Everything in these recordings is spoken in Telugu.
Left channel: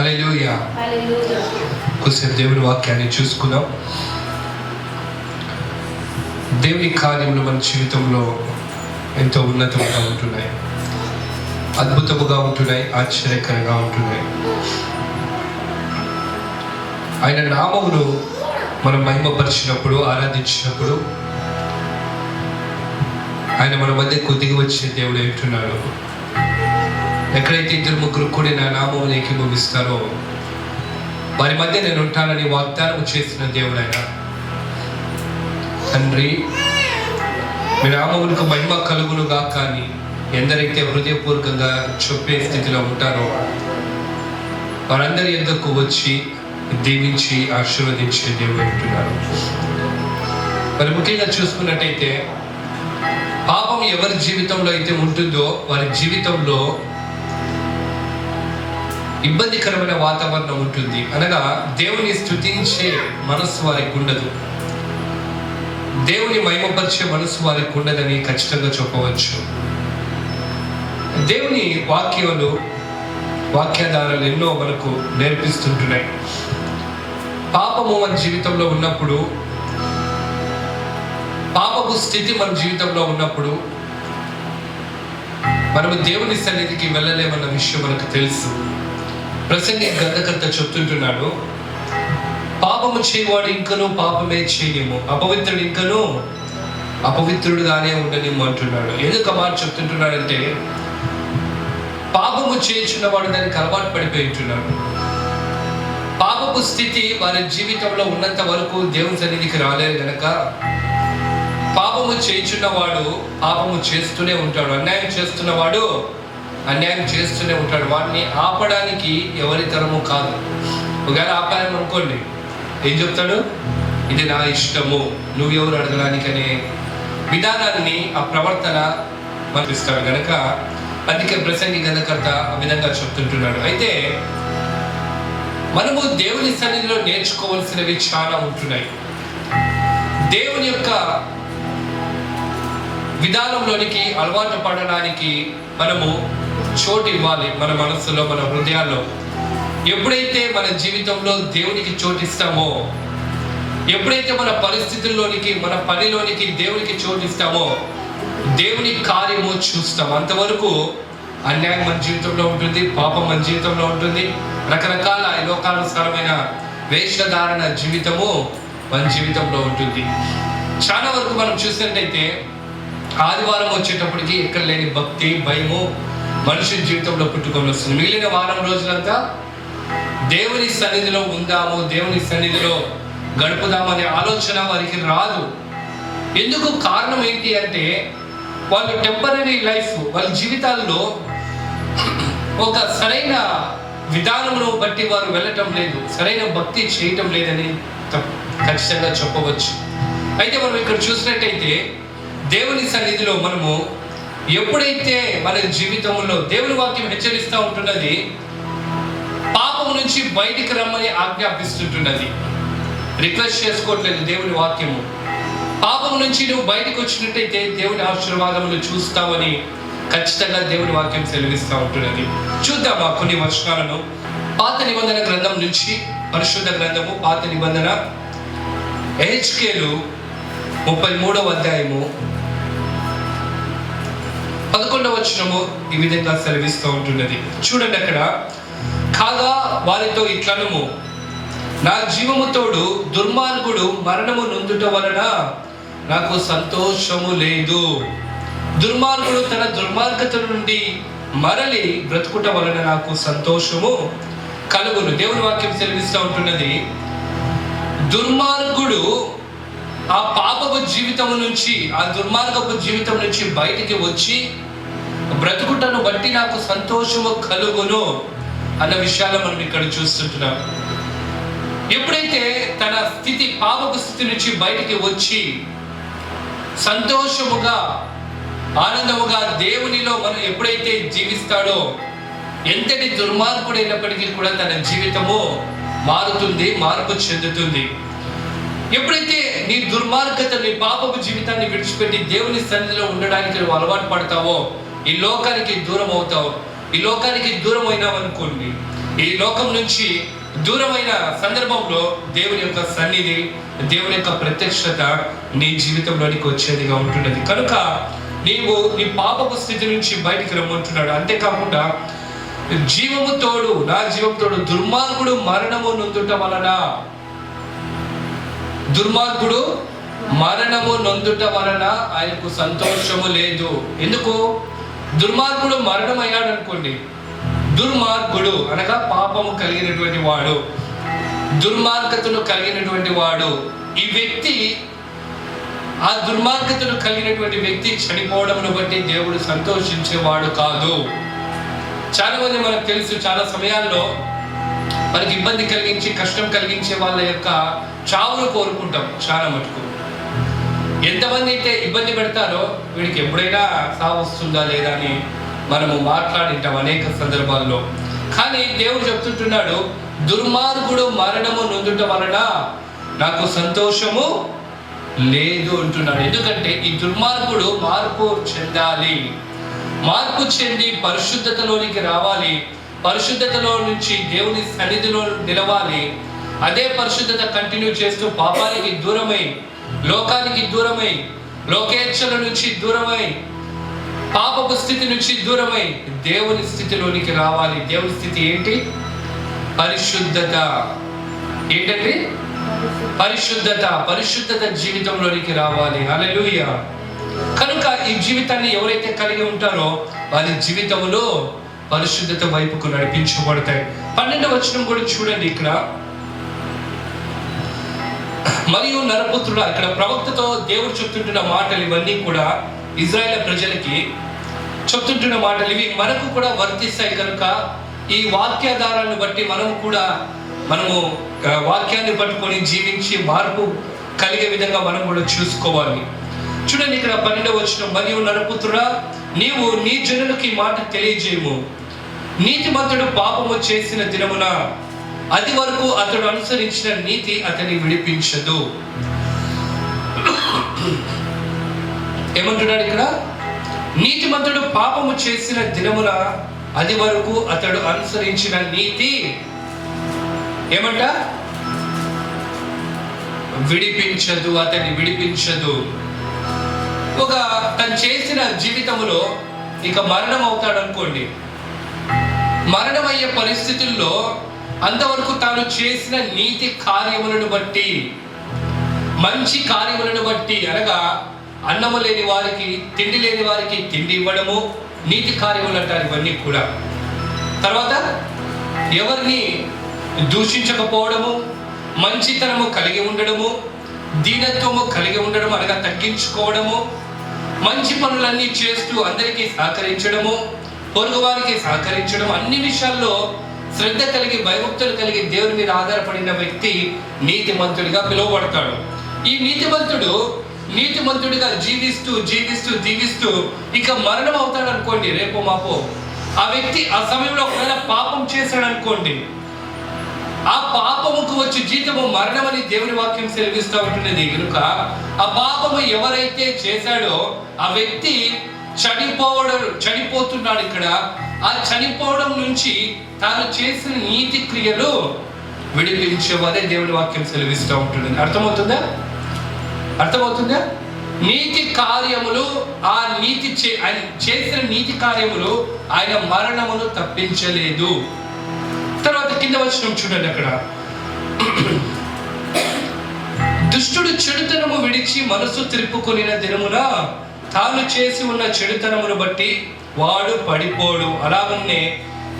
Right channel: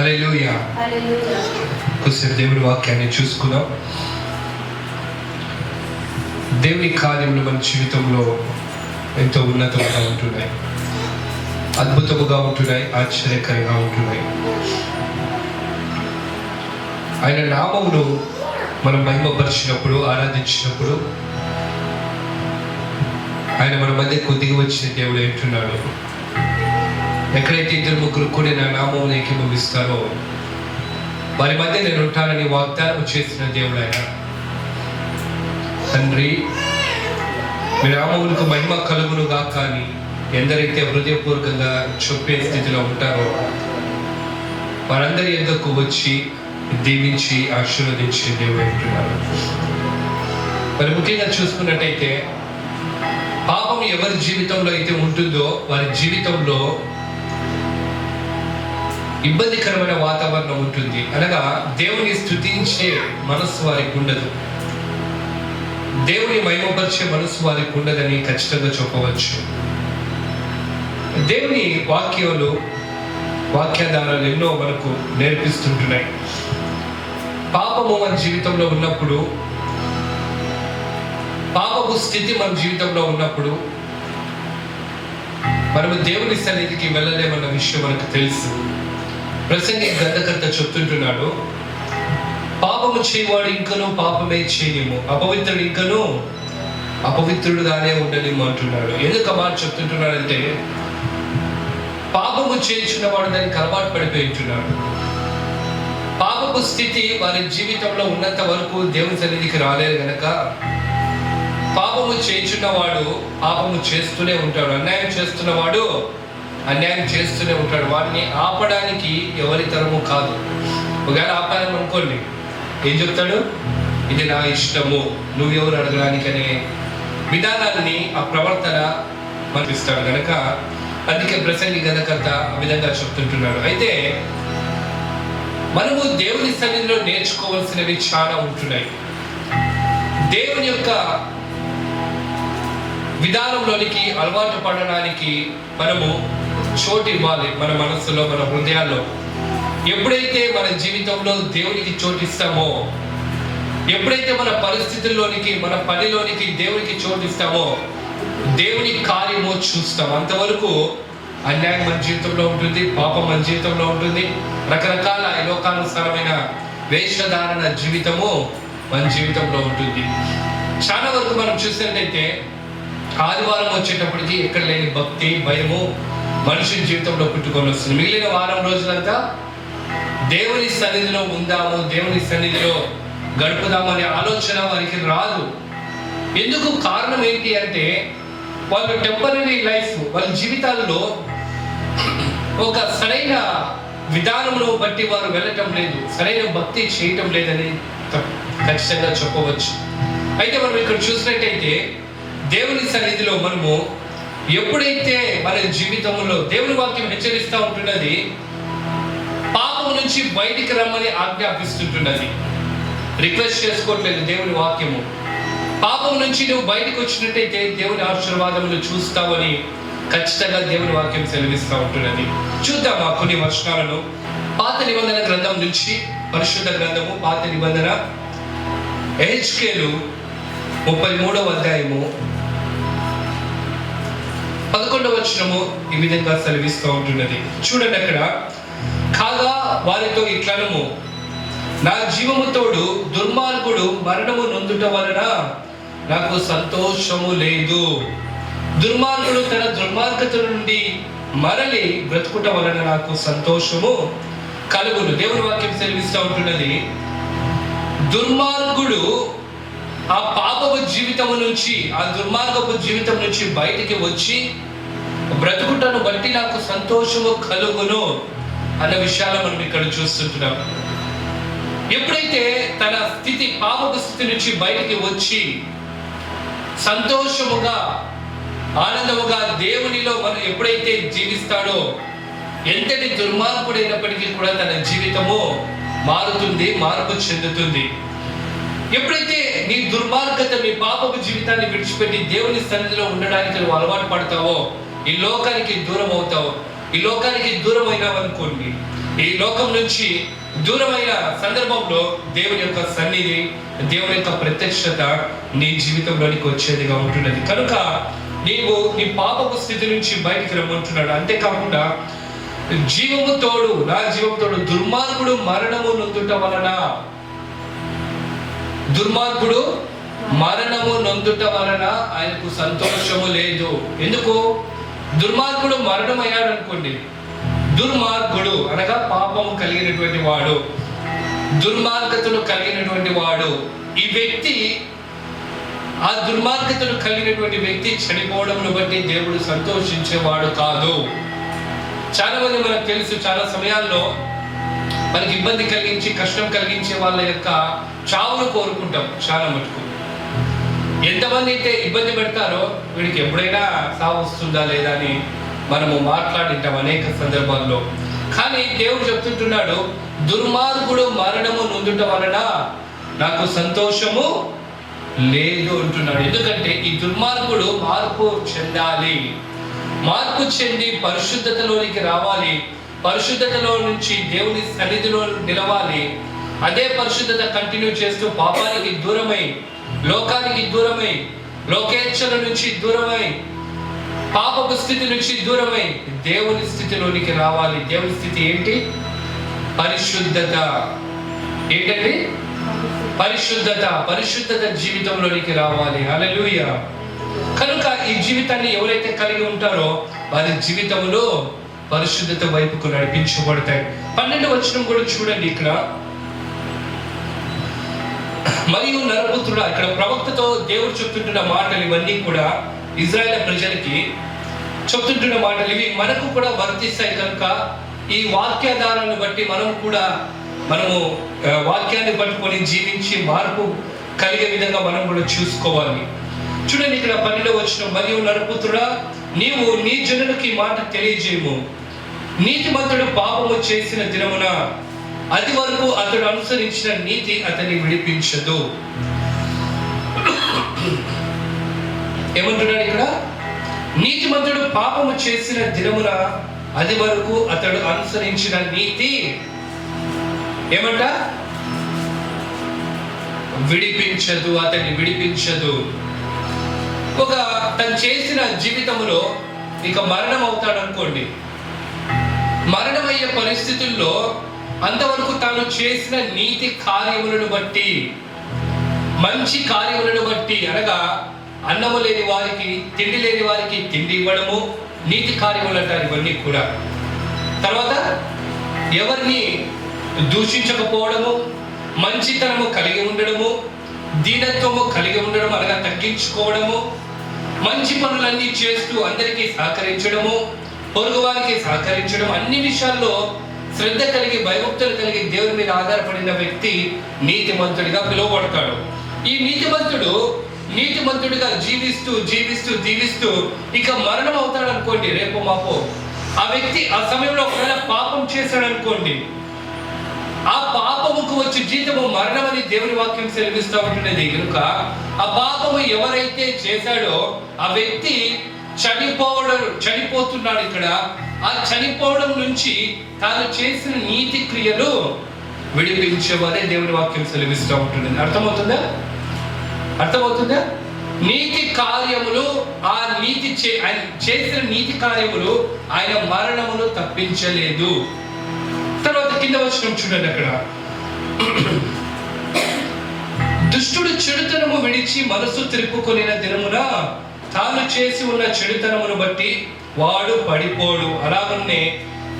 హల్లెలూయా. కొద్దిసేపు దేవుని వాక్యాన్ని చూసుకుందాం. దేవుని కార్యములు మన జీవితంలో ఎంతో ఉన్నతంగా ఉంటున్నాయి, అద్భుతముగా ఉంటున్నాయి, ఆశ్చర్యకరంగా ఉంటున్నాయి. ఆయన నామమును మనం మహిమపరిచినప్పుడు, ఆరాధించినప్పుడు ఆయన మన మధ్య కొద్దిగా వచ్చిన దేవుడు ఏంటున్నాడు. ఎక్కడైతే ఇద్దరు ముగ్గురు కూడి నా నామమును ఏకీభవిస్తారో వారి మధ్య నేను ఉంటానని వాగ్దానం చేసిన దేవుడు ఆయన. తండ్రి, మీ నామములకు మహిమ కలుగునుగా కానీ ఎందరైతే హృదయపూర్వకంగా చెప్పే స్థితిలో ఉంటారో వారందరి యొద్దకు వచ్చి దీవించి ఆశీర్వదించే దేవుడు అంటున్నారు. మరి ముఖ్యంగా చూసుకున్నట్టయితే పాపం ఎవరి జీవితంలో అయితే ఉంటుందో వారి జీవితంలో ఇబ్బందికరమైన వాతావరణం ఉంటుంది. అనగా దేవుని స్తుతించే మనస్సు వారికి ఉండదు, దేవుని మహిమపరిచే మనస్సు వారికి ఉండదని ఖచ్చితంగా చెప్పవచ్చు. దేవుని వాక్యాధారాలు ఎన్నో మనకు నేర్పిస్తుంటున్నాయి. పాపము మన జీవితంలో ఉన్నప్పుడు, పాపపు స్థితి మన జీవితంలో ఉన్నప్పుడు మనము దేవుని సన్నిధికి వెళ్ళలేమన్న విషయం మనకు తెలుసు. ప్రసంగి గ్రంథకర్త చెప్తుంటున్నాడు, పాపము చేయవాడు ఇంకనూ పాపమే చేయలేము, అపవిత్రుడు ఇంకనూ అపవిత్రుడుగానే ఉండలేము అంటున్నాడు. ఎందుకు మాట చెప్తుంటున్నాడంటే పాపము చేయించున్నవాడు దానికి అలవాటు పడిపోయింటున్నాడు. పాపపు స్థితి వారి జీవితంలో ఉన్నంత వరకు దేవుని సన్నిధికి రాలేరు గనక పాపము చేయించున్నవాడు పాపము చేస్తూనే ఉంటాడు, అన్యాయం చేస్తున్నవాడు అన్యాయం చేస్తూనే ఉంటాడు. వాడిని ఆపడానికి ఎవరి తరము కాదు. ఒకవేళ ఆపాలని అనుకోండి, ఏం చెప్తాడు? ఇది నా ఇష్టము, నువ్వెవరు అడగడానికి అనే విధానాన్ని, ఆ ప్రవర్తన మనకి ఇస్తాడు గనక అందుకే ప్రసంగి గ్రంథకర్త ఆ విధంగా చెప్తుంటున్నాడు. అయితే మనము దేవుని సన్నిధిలో నేర్చుకోవాల్సినవి చాలా ఉంటున్నాయి. దేవుని యొక్క విధానంలోనికి అలవాటు పడడానికి మనము చోటు ఇవ్వాలి. మన మనస్సులో, మన హృదయాల్లో ఎప్పుడైతే మన జీవితంలో దేవునికి చోటిస్తామో, ఎప్పుడైతే మన పరిస్థితుల్లోనికి, మన పనిలోనికి దేవునికి చోటిస్తామో దేవుని కార్యము చూస్తాం. అంతవరకు అన్యాయం మన జీవితంలో ఉంటుంది, పాపం మన జీవితంలో ఉంటుంది, రకరకాల లోకానుసారమైన వేషధారణ జీవితము మన జీవితంలో ఉంటుంది. చాలా వరకు మనం చూసినట్టయితే ఆదివారం వచ్చేటప్పటికి ఎక్కడ లేని భక్తి, భయము మనిషి జీవితంలో పుట్టుకొని వస్తుంది. మిగిలిన వారం రోజులంతా దేవుని సన్నిధిలో ఉందాము, దేవుని సన్నిధిలో గడుపుదామనే ఆలోచన వారికి రాదు. ఎందుకు? కారణం ఏంటి అంటే వాళ్ళు టెంపరీ లైఫ్, వాళ్ళ జీవితాల్లో ఒక సరైన విధానంలో బట్టి వారు వెళ్ళటం లేదు, సరైన భక్తి చేయటం లేదని ఖచ్చితంగా చెప్పవచ్చు. అయితే మనం ఇక్కడ చూసినట్టయితే దేవుని సన్నిధిలో మనము ఎప్పుడైతే మన జీవితంలో దేవుని వాక్యం హెచ్చరిస్తూ ఉంటున్నది, పాపం నుంచి బయటికి రమ్మని ఆజ్ఞాపిస్తుంటున్నది. రిక్వెస్ట్ చేసుకోవట్లేదు దేవుని వాక్యము. పాపం నుంచి నువ్వు బయటకు వచ్చినట్టయితే దేవుని ఆశీర్వాదములు చూస్తావని ఖచ్చితంగా దేవుని వాక్యం సెలవిస్తూ ఉంటున్నది. చూద్దామా కొన్ని వచనాలను. పాత నిబంధన గ్రంథం నుంచి, పరిశుద్ధ గ్రంథము పాత నిబంధన, ఎహెచ్కేలు 33వ అధ్యాయము 11వ వచనము ఈ విధంగా సెలవిస్తూ ఉంటున్నది. చూడండి అక్కడ, కాగా వారితో ఇట్లనము, నా జీవము తోడు దుర్మార్గుడు మరణము నొందుట వలన నాకు సంతోషము లేదు. దుర్మార్గుడు తన దుర్మార్గత నుండి మరలి బ్రతుకుట వలన నాకు సంతోషము కలుగును. దేవుని వాక్యం సెలవిస్తూ ఉంటున్నది, దుర్మార్గుడు ఆ పాపపు జీవితం నుంచి, ఆ దుర్మార్గపు జీవితం నుంచి బయటికి వచ్చి బ్రతుకుటను బట్టి నాకు సంతోషము కలుగును అన్న విషయాలను మనం ఇక్కడ చూస్తుంటున్నాం. ఎప్పుడైతే తన స్థితి, పాపపు స్థితి నుంచి బయటికి వచ్చి సంతోషముగా, ఆనందముగా దేవునిలో మనం ఎప్పుడైతే జీవిస్తాడో, ఎంతటి దుర్మార్గుడైనప్పటికీ కూడా తన జీవితము మారుతుంది, మార్పు చెందుతుంది. ఎప్పుడైతే నీ దుర్మార్గత, నీ పాపపు జీవితాన్ని విడిచిపెట్టి దేవుని సన్నిధిలో ఉండడానికి నువ్వు అలవాటు పడతావో, ఈ లోకానికి దూరం అవుతావు. ఈ లోకానికి దూరం అయినావనుకోండి, ఈ లోకం నుంచి దూరమైన సందర్భంలో దేవుని యొక్క సన్నిధి, దేవుని యొక్క ప్రత్యక్షత నీ జీవితంలోనికి వచ్చేదిగా ఉంటున్నది. కనుక నీవు నీ పాపపు స్థితి నుంచి బయటికి రమ్మంటున్నాడు. అంతేకాకుండా జీవము తోడు, నా జీవము తోడు, దుర్మార్గుడు మరణము నొందుట వలన, దుర్మార్గుడు మరణము నొందుట వలన ఆయనకు సంతోషము లేదు. ఎందుకు? దుర్మార్గుడు మరణం అయ్యాడు అనుకోండి, దుర్మార్గుడు అనగా పాపము కలిగినటువంటి వాడు, దుర్మార్గతలు కలిగినటువంటి వాడు, ఈ వ్యక్తి, ఆ దుర్మార్గతలు కలిగినటువంటి వ్యక్తి చనిపోవడంను బట్టి దేవుడు సంతోషించేవాడు కాదు. చాలా మంది మనకు తెలుసు, చాలా సమయాల్లో మనకి ఇబ్బంది కలిగించి కష్టం కలిగించే వాళ్ళ యొక్క చావును కోరుకుంటాం. చాలా మటుకు ఎంతమంది అయితే ఇబ్బంది పెడతారో వీడికి ఎప్పుడైనా సావు వస్తుందా లేదా అని మనము మాట్లాడింటాం అనేక సందర్భాల్లో. కానీ దేవుడు చెప్తుంటున్నాడు, దుర్మార్గుడు మరణము నొందుట వలన నాకు సంతోషము లేదు అంటున్నాడు. ఎందుకంటే ఈ దుర్మార్గుడు మార్పు చెందాలి, మార్పు చెంది పరిశుద్ధతలోనికి రావాలి, పరిశుద్ధతలో నుంచి దేవుని సన్నిధిలో నిలవాలి. అదే పరిశుద్ధత కంటిన్యూ చేస్తూ పాపానికి దూరమై, లోకానికి దూరమై, లోకేచ్ఛల నుంచి దూరమై, పాపపు స్థితి నుంచి దూరమై దేవుని స్థితిలోనికి రావాలి. దేవుని స్థితి ఏంటి? పరిశుద్ధత. ఏంటండి? పరిశుద్ధత. పరిశుద్ధత జీవితంలోనికి రావాలి. హల్లెలూయా. కనుక ఈ జీవితాన్ని ఎవరైతే కలిగి ఉంటారో వారి జీవితంలో పరిశుద్ధత వైపుకు నడిపించబడతాయి. 12వ వచనం కూడా చూడండి. ఇక్కడ మరియు నరపుత్రుడా, ఇక్కడ ప్రవక్తతో దేవుడు చెప్తుంటున్న మాటలు ఇవన్నీ కూడా ఇజ్రాయేల్ ప్రజలకి చెప్తుంటున్న మాటలు, ఇవి మనకు కూడా వర్తిస్తాయి. కనుక ఈ వాక్యాధారాలను బట్టి మనము వాక్యాన్ని పట్టుకొని జీవించి మార్పు కలిగే విధంగా మనం కూడా చూసుకోవాలి. చూడండి ఇక్కడ 12వ వచనం, మరియు నరపుత్రుడా, నీవు నీ జనులకు ఈ మాట తెలియజేయము. నీతిమంతుడు పాపము చేసిన దినమున అది వరకు అతడు అనుసరించిన నీతి అతన్ని విడిపించదు. ఏమంటున్నాడు ఇక్కడ? నీతిమంతుడు పాపము చేసిన దినమున అది వరకు అతడు అనుసరించిన నీతి ఏమంట? విడిపించదు, అతన్ని విడిపించదు. ఒక తను చేసిన జీవితంలో ఇక మరణం అవుతాడు అనుకోండి, మరణమయ్యే పరిస్థితుల్లో అంతవరకు తాను చేసిన నీతి కార్యములను బట్టి, మంచి కార్యములను బట్టి, అనగా అన్నము లేని వారికి, తిండి లేని వారికి తిండి ఇవ్వడము నీతి కార్యములు అంటారు ఇవన్నీ కూడా. తర్వాత ఎవరిని దూషించకపోవడము, మంచితనము కలిగి ఉండడము, దీనత్వము కలిగి ఉండడం, అనగా తగ్గించుకోవడము, మంచి పనులన్నీ చేస్తూ అందరికీ సహకరించడము, పొరుగువారికి సహకరించడం, అన్ని విషయాల్లో శ్రద్ధ కలిగి భయభక్తులు కలిగి దేవుని మీద ఆధారపడిన వ్యక్తి నీతిమంతుడిగా పిలువబడతాడు. ఈ నీతిమంతుడిగా జీవిస్తూ జీవిస్తూ జీవిస్తూ ఇక మరణం అవుతాడు అనుకోండి, రేపు మాపో ఆ వ్యక్తి ఆ సమయంలో ఒకవేళ పాపం చేశాడు అనుకోండి, ఆ పాపముకు వచ్చి జీతము మరణం అని దేవుని వాక్యం సెలవిస్తూ ఉంటున్నది. కనుక ఆ పాపము ఎవరైతే చేశాడో ఆ వ్యక్తి చనిపోతున్నాడు. ఇక్కడ ఆ చనిపోవడం నుంచి తాను చేసిన నీతి క్రియలు విడిపించేవారే దేవుని వాక్యం సెలవిస్తూ ఉంటుంది. అర్థమవుతుందా? నీతి కార్యములు, ఆ ఆయన చేసిన నీతి కార్యములు ఆయన మరణమును తప్పించలేదు. తర్వాత కింద వచనం చూడండి. అక్కడ దుష్టుడు చెడుతనము విడిచి మనసు తిరుపుకొనిన దినమున తాను చేసి ఉన్న చెడుతనమును బట్టి వాడు పడిపోడు. అలాగనే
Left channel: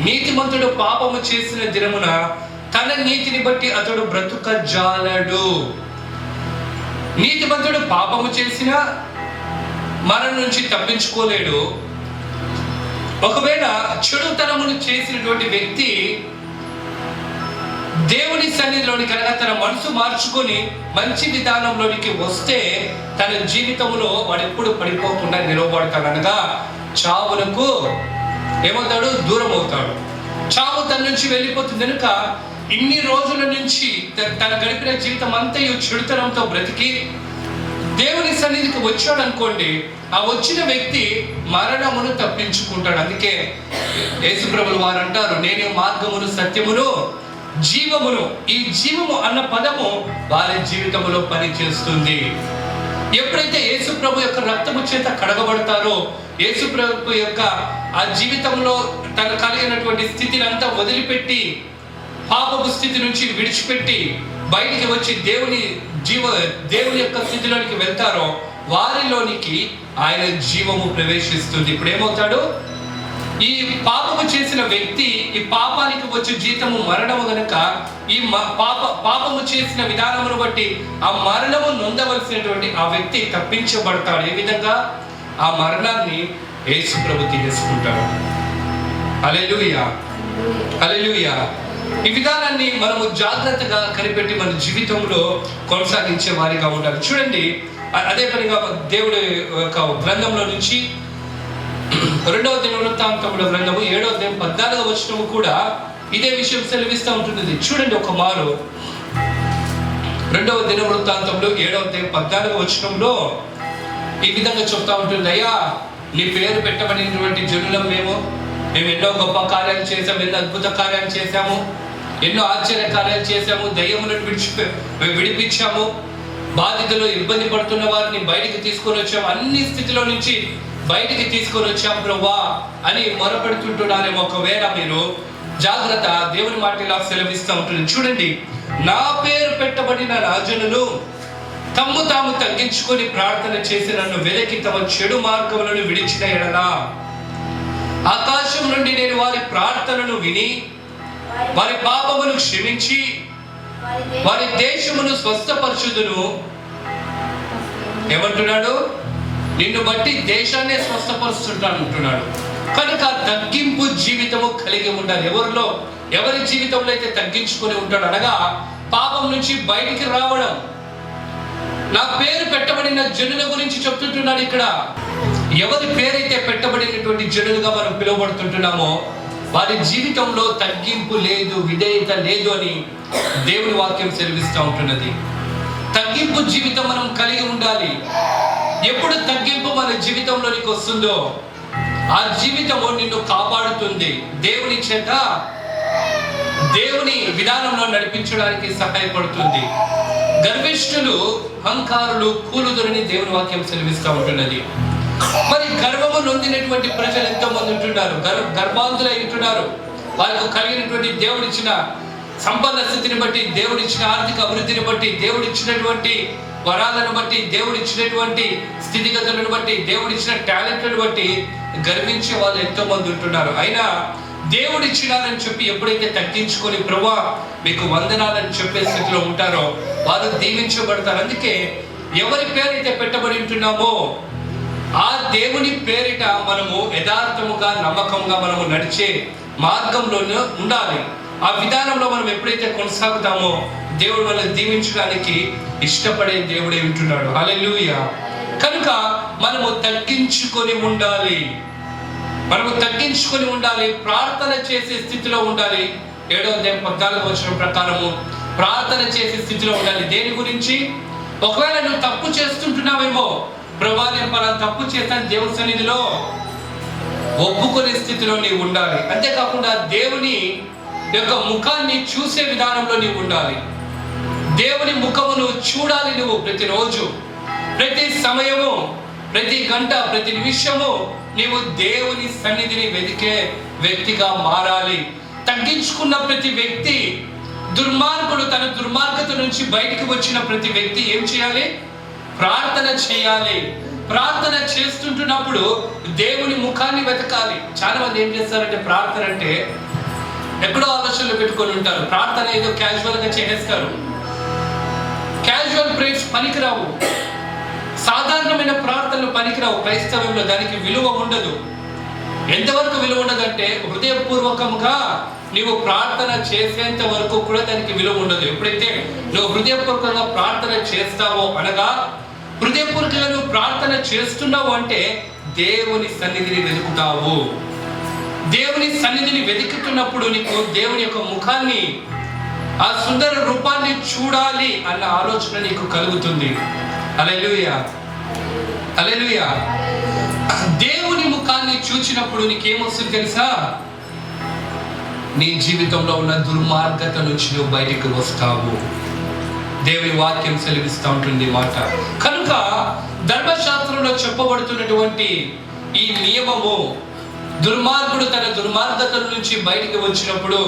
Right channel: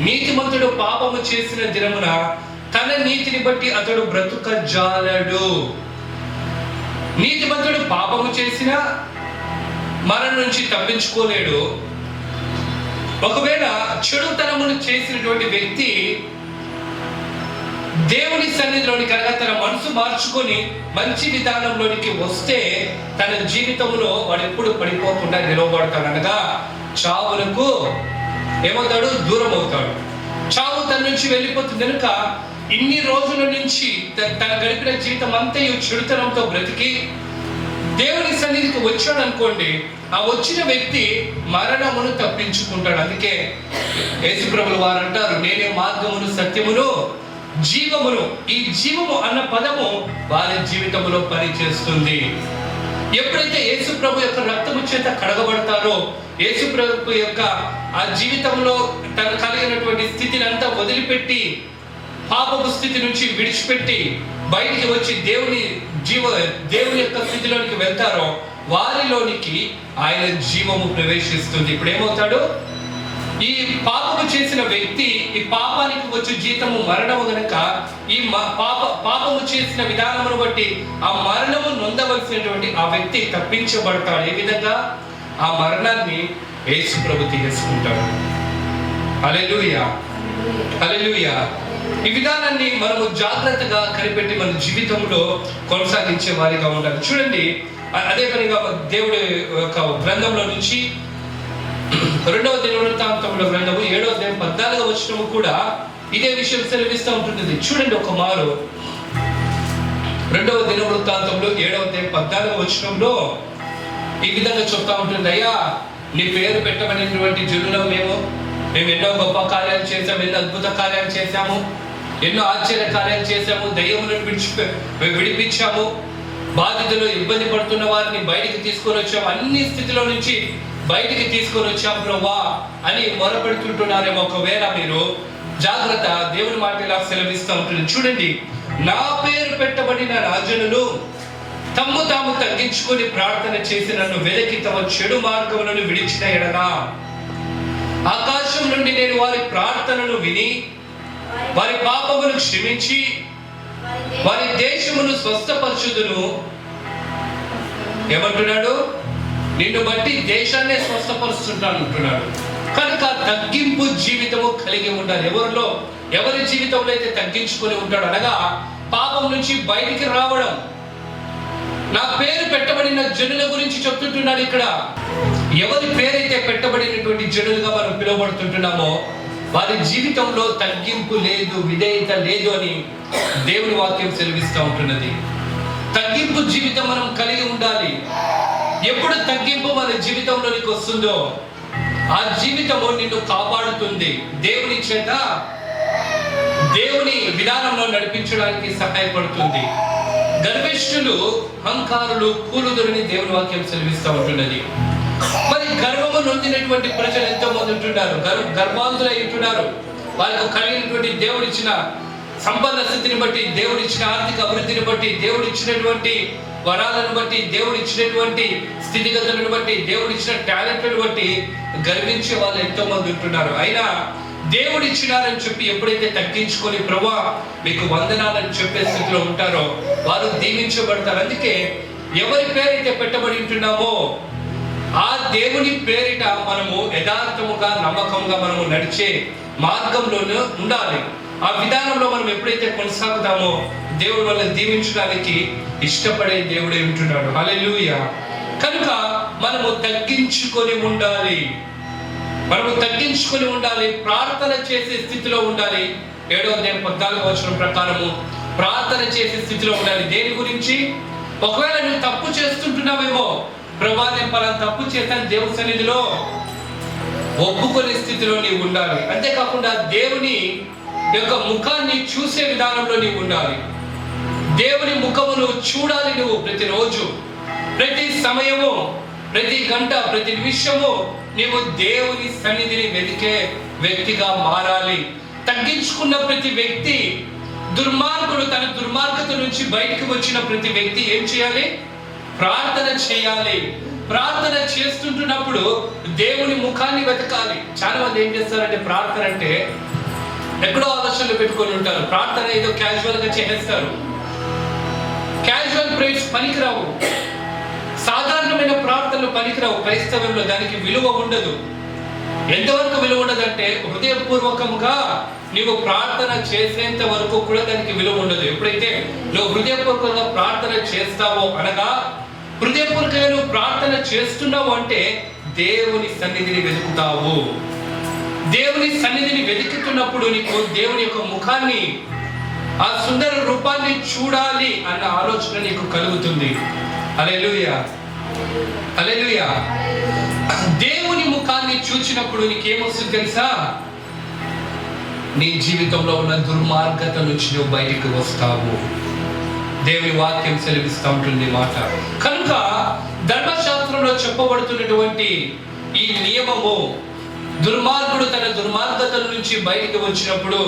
నీతిమంతుడు పాపము చేసిన దినమున తన నీతిని బట్టి అతడు బ్రతుకజాలడు. నీతిమంతుడు పాపము చేసిన మరణం నుంచి తప్పించుకోలేడు. ఒకవేళ చెడుతనమును చేసినటువంటి వ్యక్తి దేవుని సన్నిధిలోనికి అనగా తన మనసు మార్చుకొని మంచి విధానంలోనికి వస్తే తన జీవితంలో వాడు ఎప్పుడు పడిపోకుండా నిలవబడతాడు. అనగా చావులకు ఏమవుతాడు? దూరం అవుతాడు. చావు తన నుంచి వెళ్ళిపోతుంది. కనుక ఇన్ని రోజుల నుంచి తన గడిపిన జీవితం అంతా చెడుతనంతో బ్రతికి దేవుని సన్నిధికి వచ్చాడు అనుకోండి, ఆ వచ్చిన వ్యక్తి మరణమును తప్పించుకుంటాడు. అందుకే యేసుప్రభులు వారు అంటారు, నేనే మార్గమును సత్యమును జీవమును. ఈ జీవము అన్న పదము వారి జీవితంలో పనిచేస్తుంది. ఎప్పుడైతే యేసుప్రభు యొక్క రక్తము చేత కడగబడతారో, యేసుప్రభు యొక్క ఆ జీవితంలో తను కలిగినటువంటి స్థితిని అంతా వదిలిపెట్టి, పాపపు స్థితి నుంచి విడిచిపెట్టి బయటికి వచ్చి దేవుని యొక్క స్థితిలోనికి వెళ్తారో, వారిలోనికి ఆయన జీవము ప్రవేశిస్తుంది. ఇప్పుడు ఏమవుతాడు? ఈ పాపము చేసిన వ్యక్తి, ఈ పాపానికి వచ్చే జీతము మరణము గనక, ఈ పాపము చేసిన విధానమును బట్టి ఆ మరణము నొందవలసినటువంటి ఆ వ్యక్తి తప్పించబడతాడు. ఏ విధంగా? ఆ మరణాన్ని యేసు ప్రభు తీసుకుంటాడు. హల్లెలూయా, హల్లెలూయా. ఈ విధానాన్ని మనము జాగ్రత్తగా కనిపెట్టి మన జీవితంలో కొనసాగించే వారిగా ఉండాలి. చూడండి, అదే పనిగా దేవుడి యొక్క గ్రంథంలో నుంచి 2వ దినవృత్తాంతముల గ్రంథము 7వ అధ్యాయం 14వ వచనము కూడా ఇదే విషయం సెలవిస్తూ ఉంటుంది. చూడండి ఒక మారు 2వ దినవృత్తాంతంలో 7వ అధ్యాయం 14వ వచనంలో ఈ విధంగా చెప్తా ఉంటుంది, అయ్యా నీ పేరు పెట్టబడినటువంటి జనులం మేము ఎన్నో గొప్ప కార్యాలు చేశాము, ఎన్నో అద్భుత కార్యాలు చేశాము, ఎన్నో ఆశ్చర్య కార్యాలు చేశాము, దయ్యములను విడిపించాము, బాధితులు ఇబ్బంది పడుతున్న వారిని బయటికి తీసుకొని వచ్చాము, అన్ని స్థితిలో నుంచి బయటికి తీసుకొని వచ్చాం ప్రభువా అని మొరపెడుతుంటున్నారేమో. ఒకవేళ మీరు జాగ్రత్త, దేవుని మాట ఇలా సెలవిస్తూ ఉంటుంది. చూడండి, నా పేరు పెట్టబడిన రాజనులు తమ్ము తాము తగ్గించుకొని ప్రార్థన చేసి నన్ను వెదకి తమ చెడు మార్గములను విడిచిన ఎడలా ఆకాశం నుండి నేను వారి ప్రార్థనను విని వారి పాపమును క్షమించి వారి దేశమును స్వస్థపరచుదును. ఏమంటున్నాడు? నిన్ను బట్టి దేశాన్నే స్వస్థపరుస్తుంటాను అంటున్నాడు. కనుక తగ్గింపు జీవితము కలిగి ఉండాలి. ఎవరి జీవితంలో అయితే తగ్గించుకొని ఉంటాడు, అనగా పాపం నుంచి బయటికి రావడం. నా పేరు పెట్టబడిన జనుల గురించి చెప్తుంటున్నాడు ఇక్కడ. ఎవరి పేరైతే పెట్టబడినటువంటి జనులుగా మనం పిలువబడుతుంటున్నామో వారి జీవితంలో తగ్గింపు లేదు, విధేయత లేదు అని దేవుని వాక్యం సెలవిస్తూ ఉంటున్నది. తగ్గింపు జీవితం మనం కలిగి ఉండాలి. ఎప్పుడు తగ్గింపు మన జీవితంలోనికి వస్తుందో ఆ జీవితము నిన్ను కాపాడుతుంది. దేవుని చేత దేవుని విధానంలో నడిపించడానికి సహాయపడుతుంది. గర్విష్ఠులు, అహంకారులు కూలుదురని దేవుని వాక్యం సెలవిస్తూ ఉంటున్నది. మరి గర్వము నొందినటువంటి ప్రజలు ఎంతో మంది ఉంటున్నారు, గర్భాంతులై ఉంటున్నారు. వాళ్ళకు కలిగినటువంటి దేవుడిచ్చిన సంపన్న స్థితిని బట్టి, దేవుడిచ్చిన ఆర్థిక అభివృద్ధిని బట్టి, దేవుడిచ్చినటువంటి వరాలను బట్టి, దేవుడిచ్చినటువంటి స్థితిగతులను బట్టి, దేవుడిచ్చిన టాలెంట్లను బట్టి గర్వించే వాళ్ళు ఎంతో మంది ఉంటున్నారు. అయినా దేవుడిచ్చినారని చెప్పి ఎప్పుడైతే తగ్గించుకొని ప్రభువా మీకు వందనాలని చెప్పే స్థితిలో ఉంటారో వారు దీవించబడతారు. అందుకే ఎవరి పేరైతే పెట్టబడి ఉంటున్నామో ఆ దేవుని పేరిట మనము యథార్థముగా, నమ్మకంగా మనము నడిచే మార్గంలోనే ఉండాలి. ఆ విధానంలో మనం ఎప్పుడైతే కొనసాగుతామో దేవుడు మనల్ని దీవించడానికి ఇష్టపడే దేవుడే ఉంటున్నాడు. హల్లెలూయా. కనుక మనము తగ్గించుకొని ఉండాలి. ప్రార్థన చేసే స్థితిలో ఉండాలి. 7వ అధ్యాయం 14వ వచనం ప్రకారము ప్రార్థన చేసే స్థితిలో ఉండాలి. దేని గురించి? ఒకవేళ నువ్వు తప్పు చేస్తుంటున్నావేమో, ప్రభువా నేను పలానా తప్పు చేస్తాను, దేవుని సన్నిధిలో ఒప్పుకునే స్థితిలో నీవు ఉండాలి. అంతేకాకుండా దేవుని యొక్క ముఖాన్ని చూసే విధానంలో నీవు ఉండాలి. దేవుని ముఖమును చూడాలి. నువ్వు ప్రతిరోజు, ప్రతి సమయము, ప్రతి గంట, ప్రతి నిమిషము నీవు దేవుని సన్నిధిని వెతికే వ్యక్తిగా మారాలి. తగ్గించుకున్న ప్రతి వ్యక్తి, దుర్మార్గుడు తన దుర్మార్గత నుంచి బయటకు వచ్చిన ప్రతి వ్యక్తి ఏం చేయాలి? ప్రార్థన చేయాలి. ప్రార్థన చేస్తుంటున్నప్పుడు దేవుని ముఖాన్ని వెతకాలి. చాలా మంది ఏం చేస్తారంటే ప్రార్థన అంటే ఎక్కడో ఆలోచనలు పెట్టుకొని ఉంటారు. ప్రార్థన ఏదో క్యాజువల్ గా చేసేస్తారు. క్యాజువల్ ప్రేయర్స్ పనికిరావు. సాధారణమైన ప్రార్థనలు పనికిరావు. క్రైస్తవంలో దానికి విలువ ఉండదు. ఎంతవరకు విలువ ఉండదంటే హృదయపూర్వకంగా నీవు ప్రార్థన చేసేంత వరకు కూడా దానికి విలువ ఉండదు. ఎప్పుడైతే నువ్వు హృదయపూర్వకంగా ప్రార్థన చేస్తావో, అనగా హృదయపూర్వకంగా నువ్వు ప్రార్థన చేస్తున్నావు అంటే దేవుని సన్నిధిని వెతుకుతావు. దేవుని సన్నిధిని వెతుకుతున్నప్పుడు నీకు దేవుని యొక్క ముఖాన్ని, ఆ సుందర రూపాన్ని చూడాలి అన్న ఆలోచన నీకు కలుగుతుంది. హల్లెలూయా, హల్లెలూయా. దేవుని ముఖాన్ని చూచినప్పుడు నీకేమొస్తుంది తెలుసా? నీ జీవితంలో ఉన్న దుర్మార్గత నుంచి నువ్వు బయటికి వస్తావు. దేవుని వాక్యం సెలవిస్తూ ఉంటుంది మాట. కనుక ధర్మశాస్త్రంలో చెప్పబడుతున్నటువంటి ఈ నియమము, దుర్మార్గుడు తన దుర్మార్గతల నుంచి బయటికి వచ్చినప్పుడు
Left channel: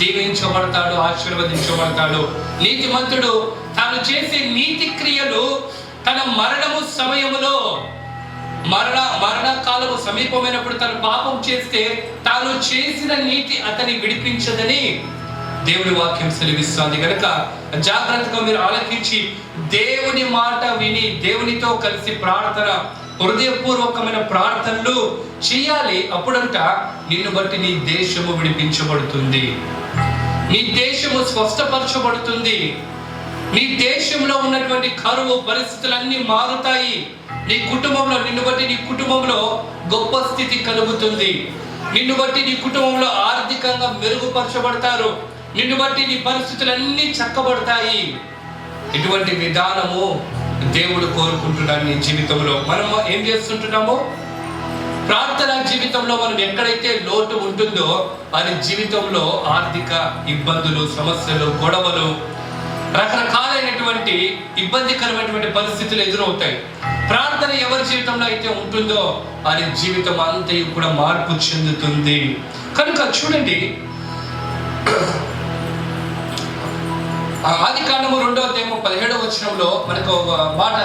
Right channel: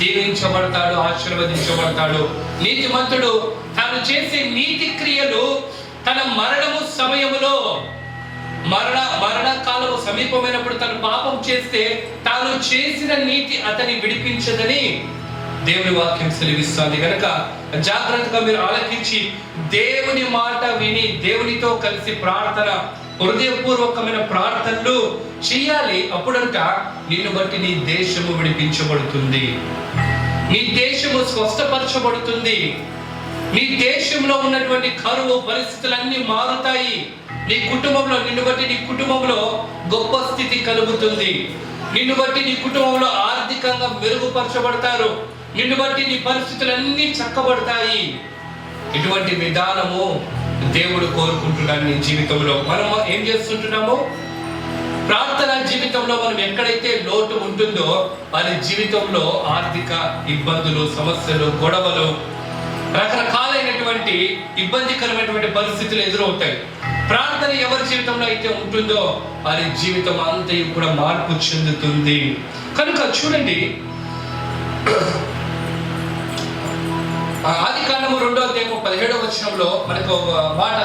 దీవించబడతాడు, ఆశీర్వదించబడతాడు. నీతిమంతుడు తాను చేసే నీతి క్రియలు తన మరణము సమయములో మరణకాలము సమీపమైనప్పుడు తను పాపం చేస్తే తాను చేసిన నీతి అతని విడిపించదని దేవుని వాక్యం సెలవిస్తుంది. కనుక జాగ్రత్తగా మీరు ఆలకించి దేవుని మాట విని దేవునితో కలిసి ప్రార్థన, హృదయపూర్వకమైన ప్రార్థనలు చేయాలి. అప్పుడంట నిన్ను బట్టి నీ దేశము విడిపించబడుతుంది, నీ దేశము స్వస్థపరచబడుతుంది, నీ దేశంలో ఉన్నటువంటి కరువు పరిస్థితులన్నీ మారుతాయి. నీ కుటుంబంలో నిన్ను బట్టి నీ కుటుంబంలో గొప్ప స్థితి కలుగుతుంది. నిన్ను బట్టి నీ కుటుంబంలో ఆర్థికంగా మెరుగుపరచబడతారు. నిన్ను బట్టి నీ పరిస్థితులన్నీ చక్కబడతాయి. ఇటువంటి విధానము దేవుడు కోరుకుంటున్నాడు నీ జీవితంలో. మనం ఏం చేస్తుంటున్నాము? ప్రార్థన జీవితంలో మనం ఎక్కడైతే లోటు ఉంటుందో వారి జీవితంలో ఆర్థిక ఇబ్బందులు, సమస్యలు, గొడవలు, రకరకాలైనటువంటి ఇబ్బందికరమైనటువంటి పరిస్థితులు ఎదురవుతాయి. ప్రార్థన ఎవరి జీవితంలో అయితే ఉంటుందో వారి జీవితం అంతయు కూడా మార్పు చెందుతుంది. కనుక చూడండి, ఆదికాండము 2వ అధ్యాయము 17వ వచనంలో మనకు ఒక మాట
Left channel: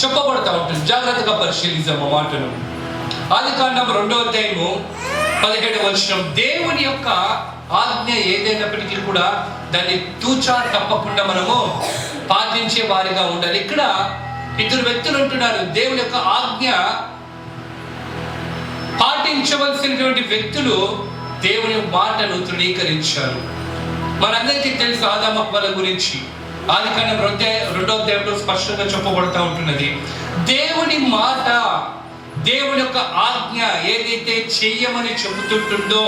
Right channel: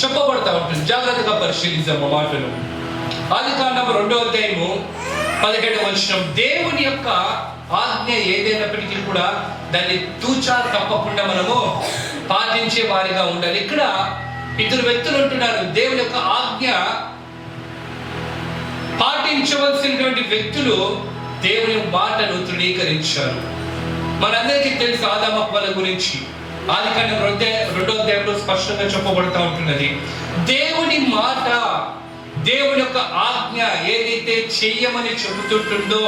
చెప్పబడతా ఉంటుంది. జాగ్రత్తగా పరిశీలిద్దాం ఆ మాటను. ఆదికాండము 2వ అధ్యాయము 17వ వచనం, దేవుని యొక్క ఆజ్ఞ ఏదైనప్పటికీ కూడా దాన్ని తూచా తప్పకుండా మనము పాటించే వారిగా ఉండాలి. ఇక్కడ ఇద్దరు వ్యక్తులు ఉంటున్నారు. దేవుని యొక్క ఆజ్ఞ పాటించవలసినటువంటి వ్యక్తులు దేవుని మాటను తృణీకరించారు. మనందరికీ తెలుసు ఆదాము హవ్వల గురించి. ఆదికాండం 2వ అధ్యాయంలో స్పష్టంగా చెప్పబడుతూ ఉంటున్నది. దేవుని మాట, దేవుని యొక్క ఆజ్ఞ ఏదైతే చెయ్యమని చెబుతుంటుందో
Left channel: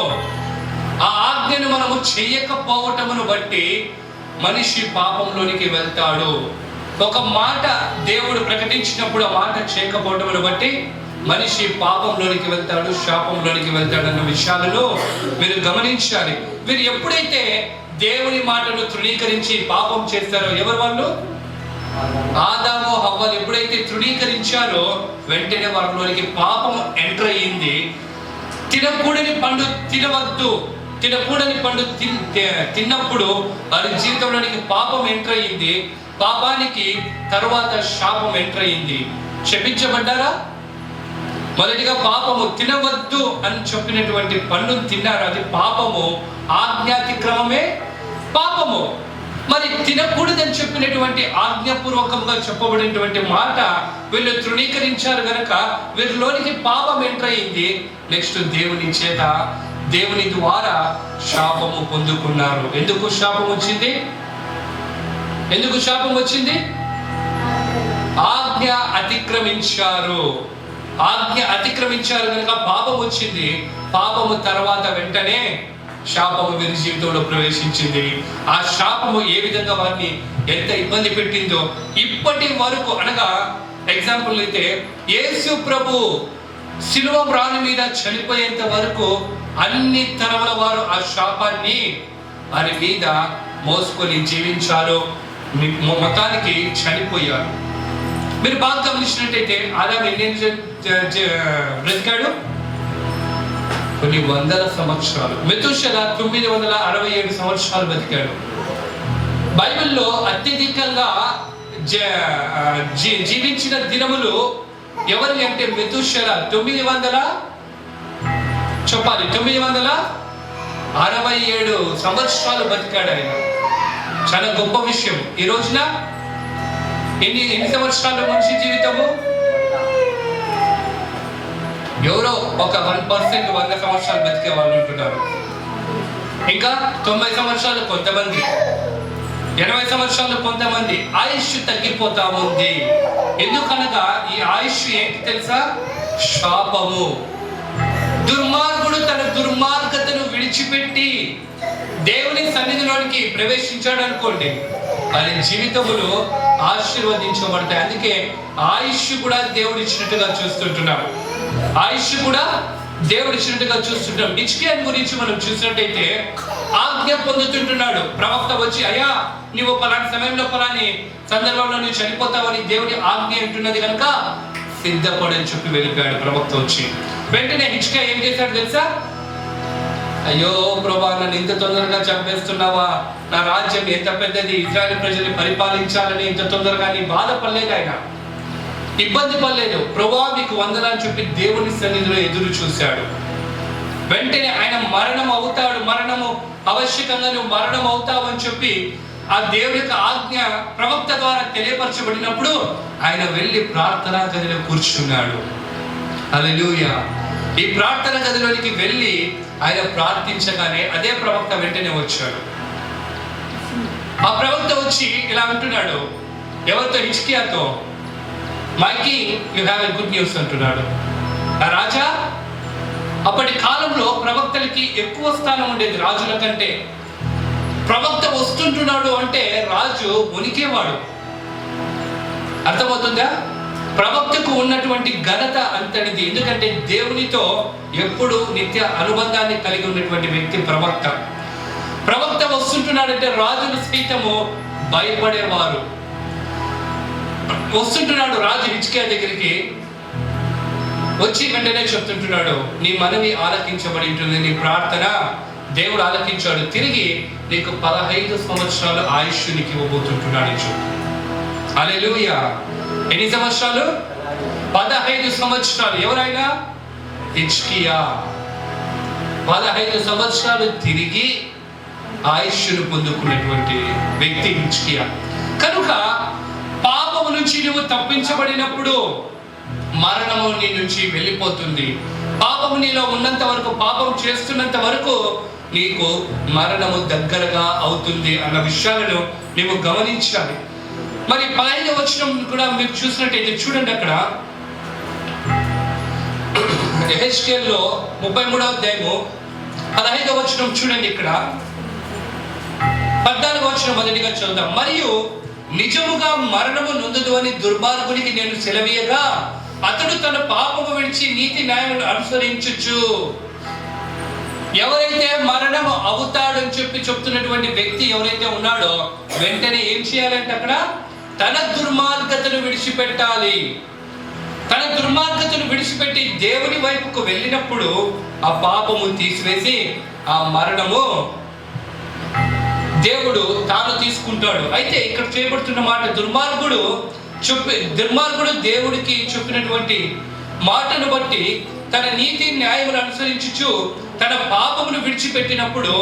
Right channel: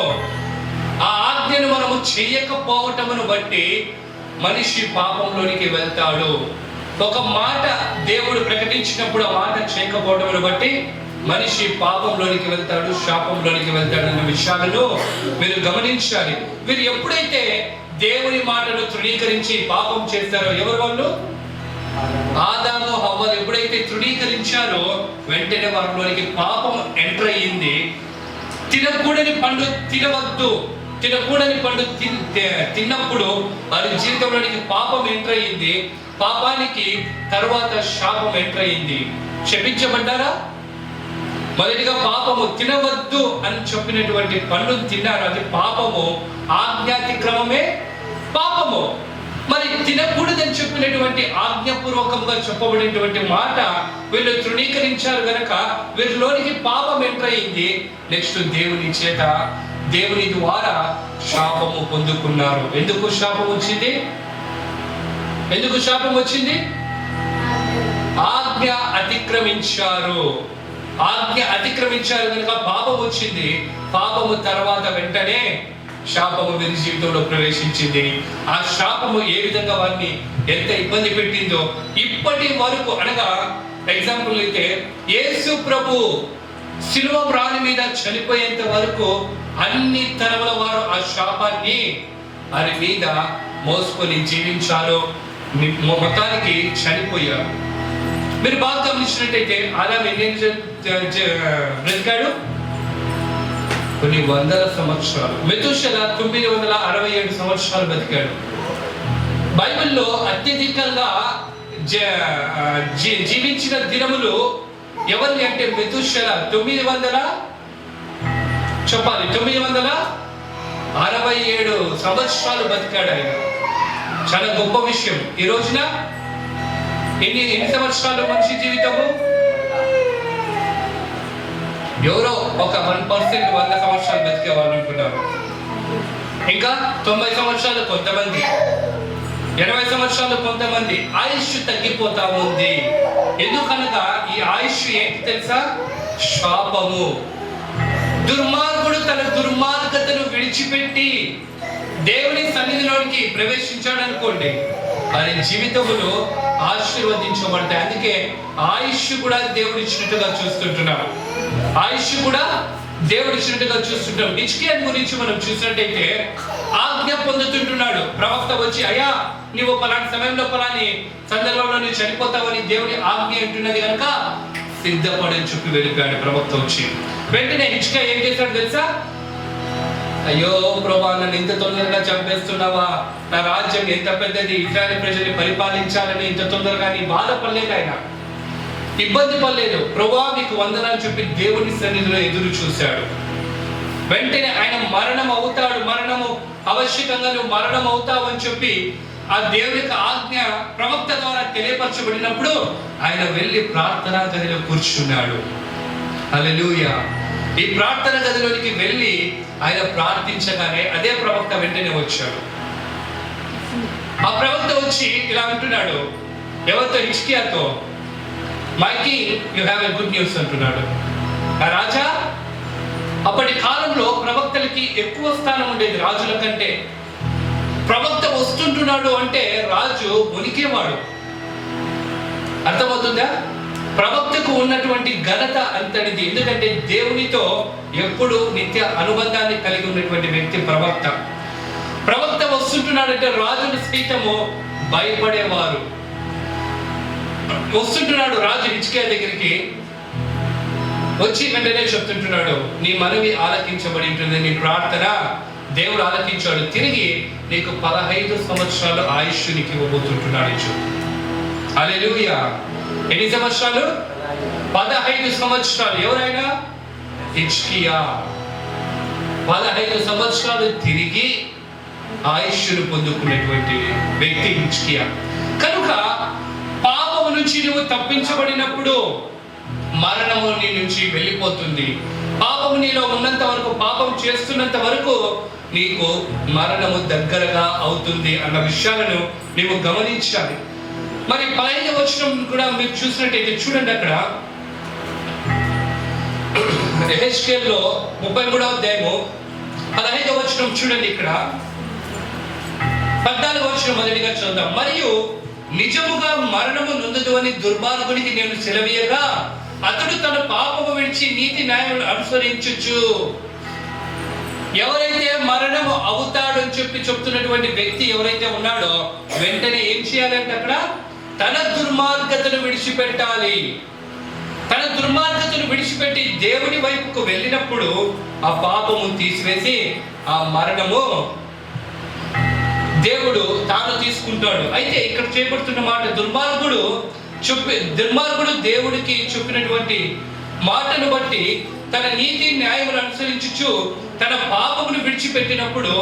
ఆ ఆజ్ఞను మనము చెయ్యకపోవటమును బట్టి మనిషి పాపంలోనికి వెళ్తాడు. ఒక మాట దేవుడు ప్రకటించినప్పుడు ఆ మాట చేయకపోవటమును బట్టి మనిషి పాపంలోనికి వెళ్తాడు, శాపంలోనికి వెళ్తాడు అన్న విషయాలను మీరు గమనించాలి. మీరు ఎప్పుడైతే దేవుని మాటను తృణీకరించి పాపం చేస్తారో, ఎవరు వాళ్ళు? ఆదాము హవ్వలు ఎప్పుడైతే తృణీకరించారో వెంటనే వారిలోనికి పాపం ఎంటర్ అయ్యింది. తినకూడని పండు తినవద్దు, తినకూడని పండు తిన్నప్పుడు వారి జీవితంలోనికి పాపం ఎంటర్ అయ్యింది. పాపానికి తరువాత శాపం ఎంటర్ అయ్యింది. శపించబడ్డారా? మొదటిగా పాపము, తినవద్దు అని చెప్పినటువంటి పండు తిన్నారు, అది పాపము. ఆజ్ఞాతిక్రమమే పాపము. మరి తినకూడదని చెప్పినటువంటి ఆజ్ఞాపూర్వకంగా చెప్పబడినటువంటి మాట వీళ్ళు తృణీకరించారు గనక వీరిలోనికి పాపం ఎంటర్ అయింది. నెక్స్ట్ దేవుని చేత, దేవుని ద్వారా శాపము పొందుకున్నారు. ఎందుకు శాపం వచ్చింది? ఎందుకు శాపం వచ్చింది? ఆజ్ఞ అతిక్రమించారు. ఆజ్ఞ అతిక్రమించారు కనుక పాపం వచ్చింది. పాపము తర్వాత వెంటనే శాపము వీరి జీవితంలో ప్రవేశించింది. ఆ శాపము ఏ విధంగా వారిని ఎంత ఇబ్బంది పెట్టిందో ఇప్పటి వరకు, అనగా ఎగ్జాంపుల్ అయితే యేసు ప్రభు శిలువ రాణి మీద చనిపోయేంత వరకు అన్ని తరముల వారు ఆ శాపాన్ని వారి మీద మోసుకొని జీవించారు, మొత్తానికి చనిపోయారు. మీరు బాగా గమనించినట్టయితే ఆదాము ఎన్ని బ్రతికాడు? కొన్ని వందల సంవత్సరాలు. మెతుషెల 967 సంవత్సరాలు బతికాడు. బైబిల్లో అత్యధికంగా జీవించిన దినములు ఎవరిని అంటే మెతుషెల 900 చెప్పాలి 967 సంవత్సరాలు బతికాడు ఆయన. చాలా గొప్ప విషయం. ఈ రోజున ఎన్ని సంవత్సరాలు మనిషి జీవితము? ఎవరో ఒక 1% 100 సంవత్సరాలు బతికే వాళ్ళు ఉంటున్నారు. ఇంకా 90 సంవత్సరాలు కొంతమంది, 80 సంవత్సరాలు కొంతమంది. ఆయుష్ తగ్గిపోతా ఉంది. ఎందుకనగా ఈ ఆయుష్ ఏంటి తెలుసా? శాపము. దుర్మార్గుడు తన దుర్మార్గతను విడిచిపెట్టి దేవుని సన్నిధిలోనికి ప్రవేశించాడు అనుకోండి, వారి జీవితములు ఆశీర్వదించబడతాయి. అందుకే ఆయుష్ కూడా దేవుడు ఇచ్చినట్టుగా చూస్తుంటున్నాం. ఆయుష్ కూడా దేవుడు ఇచ్చినట్టుగా చూస్తుంటాం. హిజ్కియా గురించి మనం చూసినట్టయితే ఆజ్ఞ పొందుతుంటున్నాడు. ప్రవక్త వచ్చి, అయ్యా నువ్వు పలాని సమయంలో పలాని సందర్భంలో నువ్వు చనిపోతావని దేవుడి ఆజ్ఞ అంటున్నది కనుక సిద్ధపడని చెప్పి వెళ్ళిపోయాడు ప్రవక్త వచ్చి. వెంటనే హిజ్కియా ఏం చేశాడు తెలుసా? అయ్యో ప్రభా, నన్ను ఇంత తొందరగా చంపేస్తున్నావా? నా రాజ్యం ఎంత పెద్దది, ఇశ్రాయేలు ప్రజల్ని పరిపాలించాలని ఇంత తొందరగా నీ బాధపడలేదు, ఆయన ఇబ్బంది పడలేదు. ప్రభా నీకు వందనాలు చెప్పి దేవుని సన్నిధిలో ఎదురు చూశాడు. వెంటనే ఆయన మరణం అవుతాడు, మరణము ఆవశ్యకంగా నువ్వు మరణం అవుతావు అని చెప్పి ఆ దేవుడి యొక్క ఆజ్ఞ ప్రవక్త ద్వారా తెలియపరచబడినప్పుడు ఆయన వెళ్ళి ప్రార్థనా గదిలో కూర్చున్నాడు. హల్లెలూయా. ఈ ప్రార్థన గదిలోనికి వెళ్ళి ఆయన ప్రార్థించగానే అదే ప్రవక్త వెంటనే వచ్చాడు. ఆ ప్రవక్త వచ్చి ఇలా అంటున్నాడు ఎవరితో? హిజ్కియాతో, my king you have a good news అంటున్నాడు. ఆ రాజా, అప్పటి కాలంలో ప్రవక్తలకి ఎక్కువ స్థానం ఉండేది రాజుల కంటే. ప్రవక్త వస్తుంటున్నాడు అంటే రాజు ఉనికేవాడు. అర్థమవుతుందా? ప్రవక్తకు ఉన్నటువంటి ఘనత అంతటిది. ఎందుకంటే దేవునితో ఎప్పుడు నిత్య అనుబంధాన్ని కలిగి ఉన్నటువంటి వ్యక్తి ప్రవక్త. ప్రవక్త వస్తుంటున్నాడంటే రాజులు సైతము భయపడేవారు. వస్తుంటున్నాడు రాజు హిజ్కియా దగ్గరికి వచ్చి వెంటనే చెప్తుంటున్నాడు, నీ మనవి ఆలకించబడి ఉంటుంది, నీ ప్రార్థన దేవుడు ఆలకించాడు, తిరిగి నీకు 15 సంవత్సరాలు ఆయుష్ నీకు ఇవ్వబోతుంటున్నాడు. హల్లెలూయా. ఎన్ని సంవత్సరాలు? 15 సంవత్సరాలు. ఎవరైనా? హిజ్కియా. 15 సంవత్సరాలు తిరిగి ఆయుష్ను పొందుకునేటువంటి వ్యక్తి హిజ్కియా. కనుక పాపము నుంచి నువ్వు తప్పించబడినప్పుడు మరణము నీ నుంచి వెళ్ళిపోతుంది. పాపము నీలో ఉన్నంత వరకు, పాపం చేస్తున్నంత వరకు నీకు మరణము దగ్గరగా అవుతుంది అన్న విషయాలను నీవు గమనించాలి. మరి 15వ వచనం కూడా మీరు చూసినట్టయితే చూడండి, అక్కడ యెహెజ్కేలులో 33వ అధ్యాయము 15వ వచనం చూడండి. ఇక్కడ 14వ వచనం మొదటిగా చూద్దాం. మరియు నిజముగా మరణము నొందదు అని దుర్మార్గునికి నేను సెలవీయగా అతడు తన పాపము విడిచి నీతి న్యాయమును అనుసరించుచు. ఎవరైతే మరణము అవుతాడని చెప్పి చెప్తున్నటువంటి వ్యక్తి ఎవరైతే ఉన్నాడో వెంటనే ఏం చేయాలంటే అక్కడ తన దుర్మార్గతను విడిచిపెట్టాలి. తన దుర్మార్గతను విడిచిపెట్టి దేవుని వైపుకు వెళ్ళినప్పుడు ఆ పాపము తీసివేసి ఆ మరణము దేవుడు తాను తీసుకుంటాడు. అయితే ఇక్కడ చేయబడుతున్న మాట, దుర్మార్గుడు దేవుడికి చెప్పినటువంటి మాటను బట్టి తన నీతి న్యాయమును అనుసరించుచు తన పాపమును విడిచిపెట్టినప్పుడు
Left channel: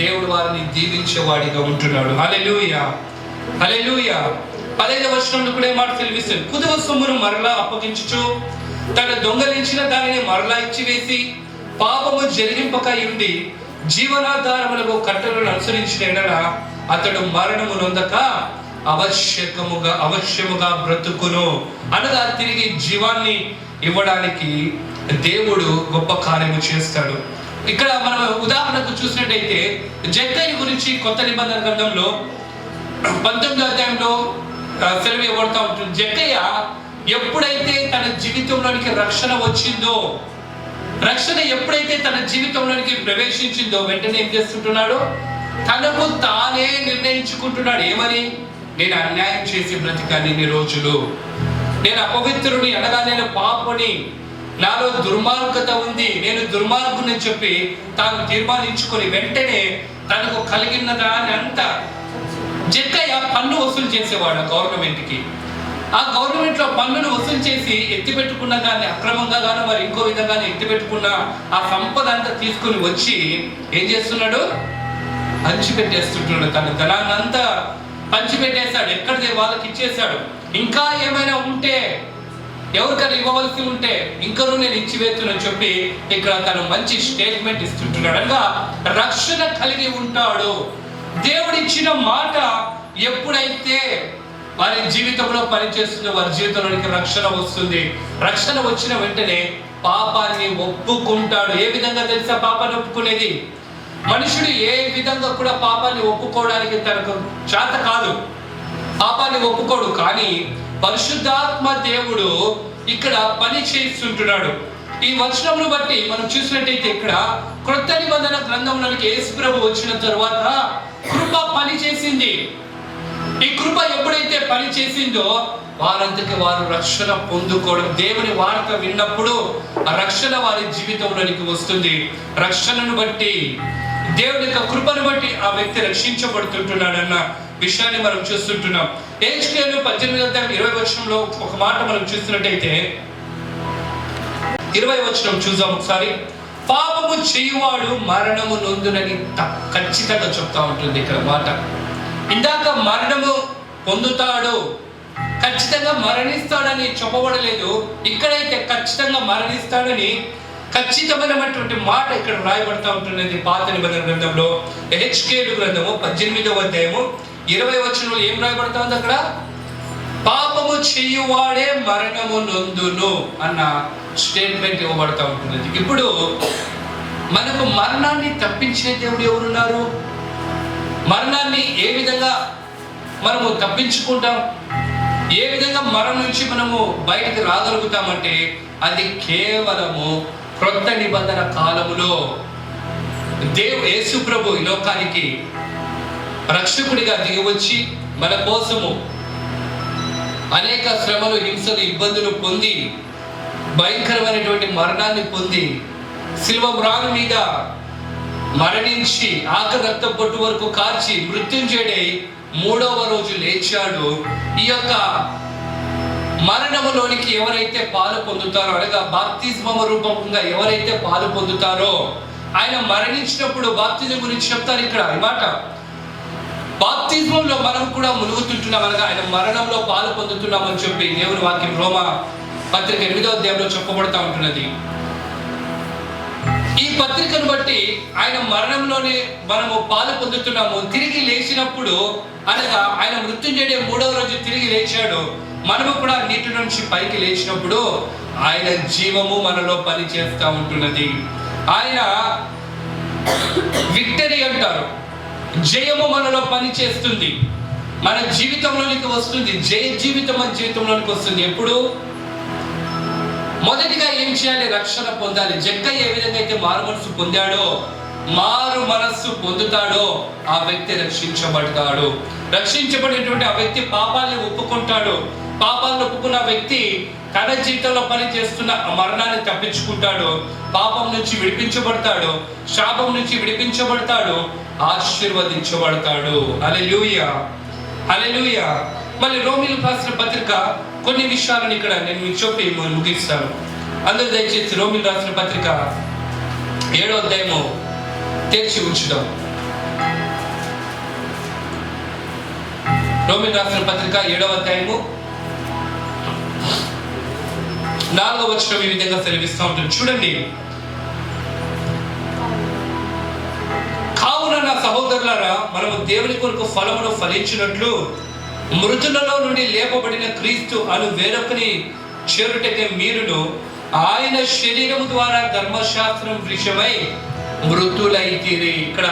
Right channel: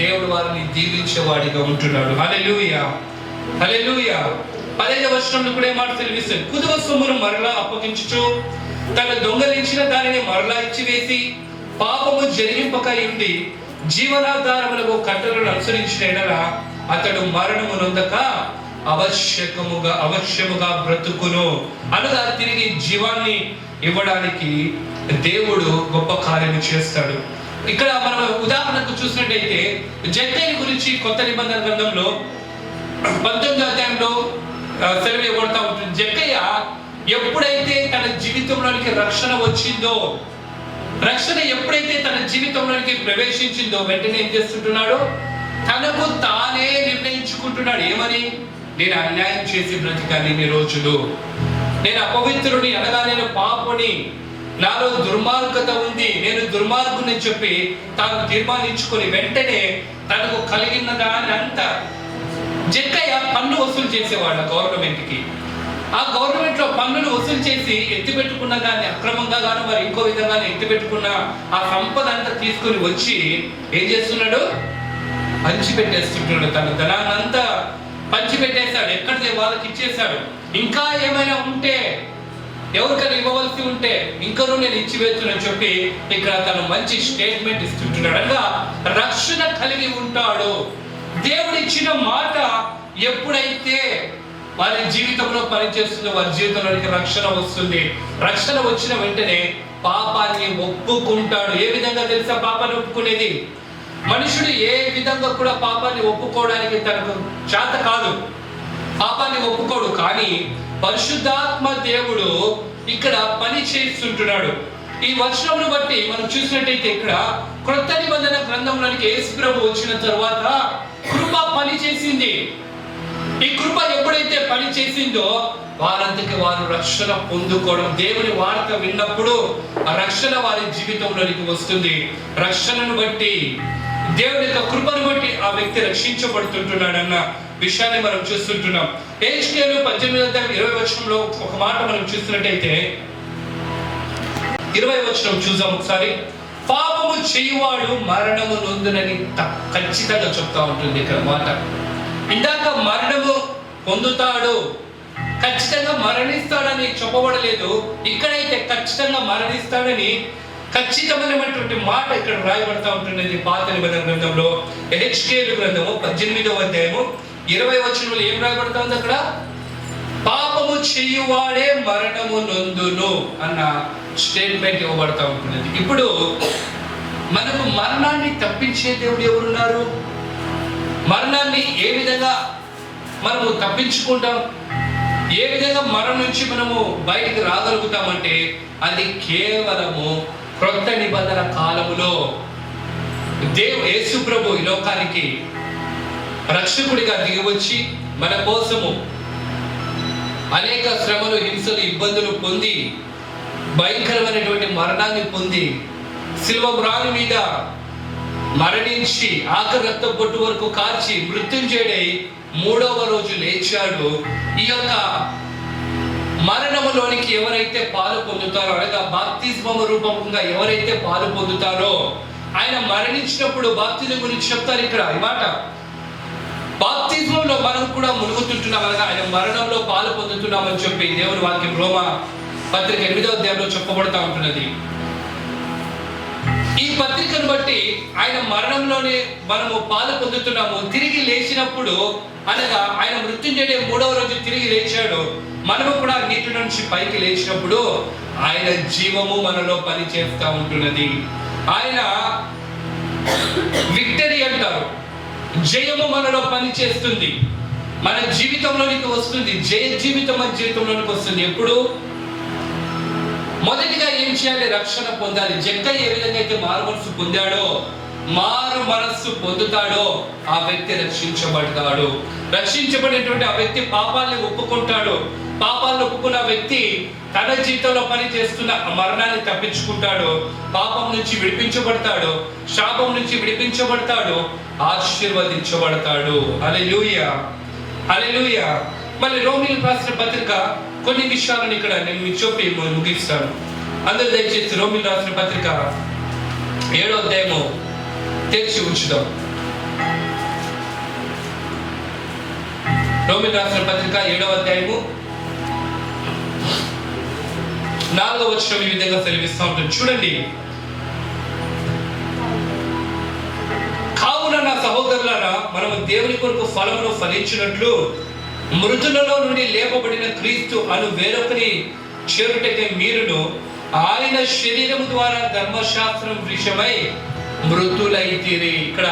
దేవుడు వారిని దీవించేవాడిగా ఉంటున్నాడు. హల్లెలూయా, హల్లెలూయా. 15వ వచనంలో కూడా ఏ మాట తెలిపిస్తుంది? కుదువ సొమ్మును మరలా అప్పగించుచు తన దొంగలించిన దానిని మరలా ఇచ్చివేసి పాపము జరిగింపక ఉండి జీవనాధారములకు కట్టలను అనుసరించిన ఎడల అతడు మరణము నొందక అవశ్యముగా బ్రతుకును. అనగా తిరిగి జీవాన్ని ఇవ్వడానికి దేవుడు గొప్ప కార్యము చేస్తాడు. ఇక్కడ మనం ఉదాహరణకు చూసినట్టయితే జక్కయ్య గురించి కొత్త నిబంధన గ్రంథంలో 19వ అధ్యాయంలో సెలవు ఇవ్వబడతా ఉంటుంది. జక్కయ్య ఎప్పుడైతే తన జీవితంలోనికి రక్షణ వచ్చిందో, రక్షణ ఎప్పుడైతే తన జీవితంలోనికి ప్రవేశించిందో వెంటనే ఏం చేస్తుంటున్నాడు? తనకు తానే నిర్ణయించుకుంటున్నాడు. ఏమని? నేను అన్యాయం చేసి బ్రతికాను ఇన్ని రోజులు, నేను అపవిత్రుని అనగా నేను పాపని, నాలో దుర్మార్గత ఉంది, నేను దుర్మార్గుని చెప్పి తాను తీర్మానించుకొని వెంటనే తనకు కలిగిన దాని అంతా. జక్కయ్య పన్ను వసూలు చేసేవాడు గవర్నమెంట్కి. ఆ గవర్నమెంట్ లో పన్నులు వసూలు చేసి ఎత్తిపెట్టుకున్న దాన్ని అక్రమంగా గాను మరి ఇంకో విధంగా ఎత్తిపెట్టుకున్న ఆ సంపద అంతా తీసుకుని వచ్చి ఏం చేస్తున్నాడు? పంచిపెట్టేస్తున్నాడు. తన ధనాన్ని అంతా పంచిపెట్టేశాడు. ఎక్కడిదే వాళ్ళకి ఇచ్చేశాడు. ఇంకా ఏమైనా ఉంటే, ఎవరికైనా ఇవ్వవలసి ఉంటే ఇంకనూ నేను ఇచ్చివేస్తున్నాను చెప్పి ఇక్కడ తను మంచి స్టేట్మెంట్ ఇస్తుంటున్నాడు. అనగా రక్షణ కలిగి ఉంటాడు. దేవుడిచ్చిన మాట ఎప్పుడైతే వారి జీవితంలో పనిచేస్తుందో వారి జీవితంలోనికి రక్షణ వస్తుంది. రక్షణ వచ్చిన వెంటనే పాపాన్ని ఒప్పుకుంటాడు. ఏ విధంగా తెలుసా పాపాన్ని ఒప్పుకునేది? మనుషుడు ఏ విధంగా కూడా పాపాన్ని ఒప్పుకోవడానికి తనకు చేత కాదు. పాపాన్ని ఒప్పుకోడు. కానీ పరిశుద్ధాత్మ దేవుడు ఇక్కడ పని చేస్తుంటున్నాడు. ఈ వచనమును బట్టి మనం చూసినట్టయితే ఇక్కడ క్రొత్త నిబంధన గ్రంథంలోనికి యేసు ప్రభు వచ్చిన తర్వాత కృప పని చేసింది. ఈ కృప ఎప్పుడైతే పని చేసిందో వారంతకి వారు రక్షణ పొందుకోవడం, దేవుని వార్త విన్నప్పుడు ఆ రక్షణ వారి జీవితంలోనికి వస్తుంది. రక్షణను బట్టి, దేవుని యొక్క కృపను బట్టి ఆ వ్యక్తి రక్షించబడుతుంటున్నాడన్న విషయాన్ని మనం చూస్తుంటున్నాం. హెచ్కేలు 18:20 ఒక మాట మనం చూసినట్టయితే 20 చూద్దాం ఒకసారి. పాపము చేయువాడు మరణము నొందునని ఖచ్చితంగా చెప్తా ఉంటుంది ఇక్కడ మాట. ఇందాక మరణము పొందుతాడు, ఖచ్చితంగా మరణిస్తాడని చెప్పబడలేదు. ఇక్కడైతే ఖచ్చితంగా మరణిస్తాడని ఖచ్చితమైనటువంటి మాట ఇక్కడ రాయబడతా ఉంటున్నది పాత నిబంధన గ్రంథంలో. హెచ్కేలు గ్రంథము 18:20 ఏం రాయబడతా ఉంది అక్కడ? పాపము చేయువాడే మరణము నొందును అన్న స్టేట్మెంట్ ఇవ్వబడతా ఉంటున్నది. ఇప్పుడు మనకు మరణాన్ని తప్పించే దేవుడు ఎవరున్నారు? మరణాన్ని ఏ విధంగా మనము తప్పించుకుంటాం? ఏ విధంగా మరణం నుంచి మనము బయటకు రాగలుగుతామంటే అది కేవలము క్రొత్త నిబంధన కాలములో యేసు ప్రభు ఈ లోకానికి రక్షకుడిగా దిగివచ్చి మన కోసము అనేక శ్రమలు, హింసలు, ఇబ్బందులు పొంది భయంకరమైనటువంటి మరణాన్ని పొంది శిలువ మ్రాను మీద మరణించి ఆఖరి రక్త పొట్టు వరకు కార్చి మృత్యుంజయుడై 3వ రోజు లేచాడు. ఈ యొక్క మరణములోనికి ఎవరైతే పాలు పొందుతారో, అనగా బాప్తిస్మము రూపంగా ఎవరైతే పాలు పొందుతారో, ఆయన మరణించినప్పుడు బాప్తిజం గురించి చెప్తారు ఇక్కడ ఈ మాట. బాప్తిజంలో మనం కూడా మునుగుతుంటున్నాం, అనగా ఆయన మరణంలో పాలు పొందుతున్నామని చెప్పి దేవుని వాక్యం రోమా పత్రిక 8వ అధ్యాయంలో చెప్పబడతా ఉంటున్నది. ఈ పత్రికను బట్టి ఆయన మరణంలోనే మనము పాలు పొందుతున్నాము. తిరిగి లేచినప్పుడు, అనగా ఆయన మృత్యుంజయుడే 3వ రోజు తిరిగి లేచాడు, మనము కూడా నీటి నుంచి పైకి లేచినప్పుడు ఆయన జీవము మనలో పని చేస్తూ ఉంటున్నది. ఆయన విక్టరీ అంటారు, జయము మనలో పని చేస్తుంది, మన జీవితంలోనికి వస్తుంది. జయ జీవితం మన జీవితంలోనికి వస్తుంది. ఎప్పుడు? మొదటిగా ఏం చేయాలి? రక్షణ పొందాలి. జక్కయ్య ఏ విధంగా అయితే మారు మనస్సు పొందాడో, మారు మనస్సు పొందుతాడో ఆ వ్యక్తి రక్షించబడతాడు. రక్షించబడినటువంటి ఆ వ్యక్తి పాపాలను ఒప్పుకుంటాడు. పాపాలను ఒప్పుకున్న వ్యక్తి తన జీవితంలో పని చేస్తున్న మరణాన్ని తప్పించుకుంటాడు, పాపం నుంచి విడిపించబడతాడు, శాపం నుంచి విడిపించబడతాడు, ఆశీర్వదించబడతాడు. హల్లెలూయా, హల్లెలూయా. మళ్ళీ రోమీయులకు రాసిన పత్రిక కొన్ని విషయాలను ఇక్కడ నేను చెప్పి ముగిస్తాను. అందరూ దయచేసి రోమీయులకు రాసిన పత్రిక 7వ అధ్యాయము తెరిచి ఉంచుదాం. రోమీయులకు రాసిన పత్రిక 7వ అధ్యాయము 4వ వచనం ఈ విధంగా సెలవిస్తూ ఉంటుంది. చూడండి. కావున నా సహోదరులారా, మనము దేవుని కొరకు ఫలమును ఫలించినట్లు మృతులలో నుండి లేపబడిన క్రీస్తు అను వేరొకని చేరుటకే మీరును ఆయన శరీరము ద్వారా ధర్మశాస్త్రం విషయమై మృతులైతిరి. ఇక్కడ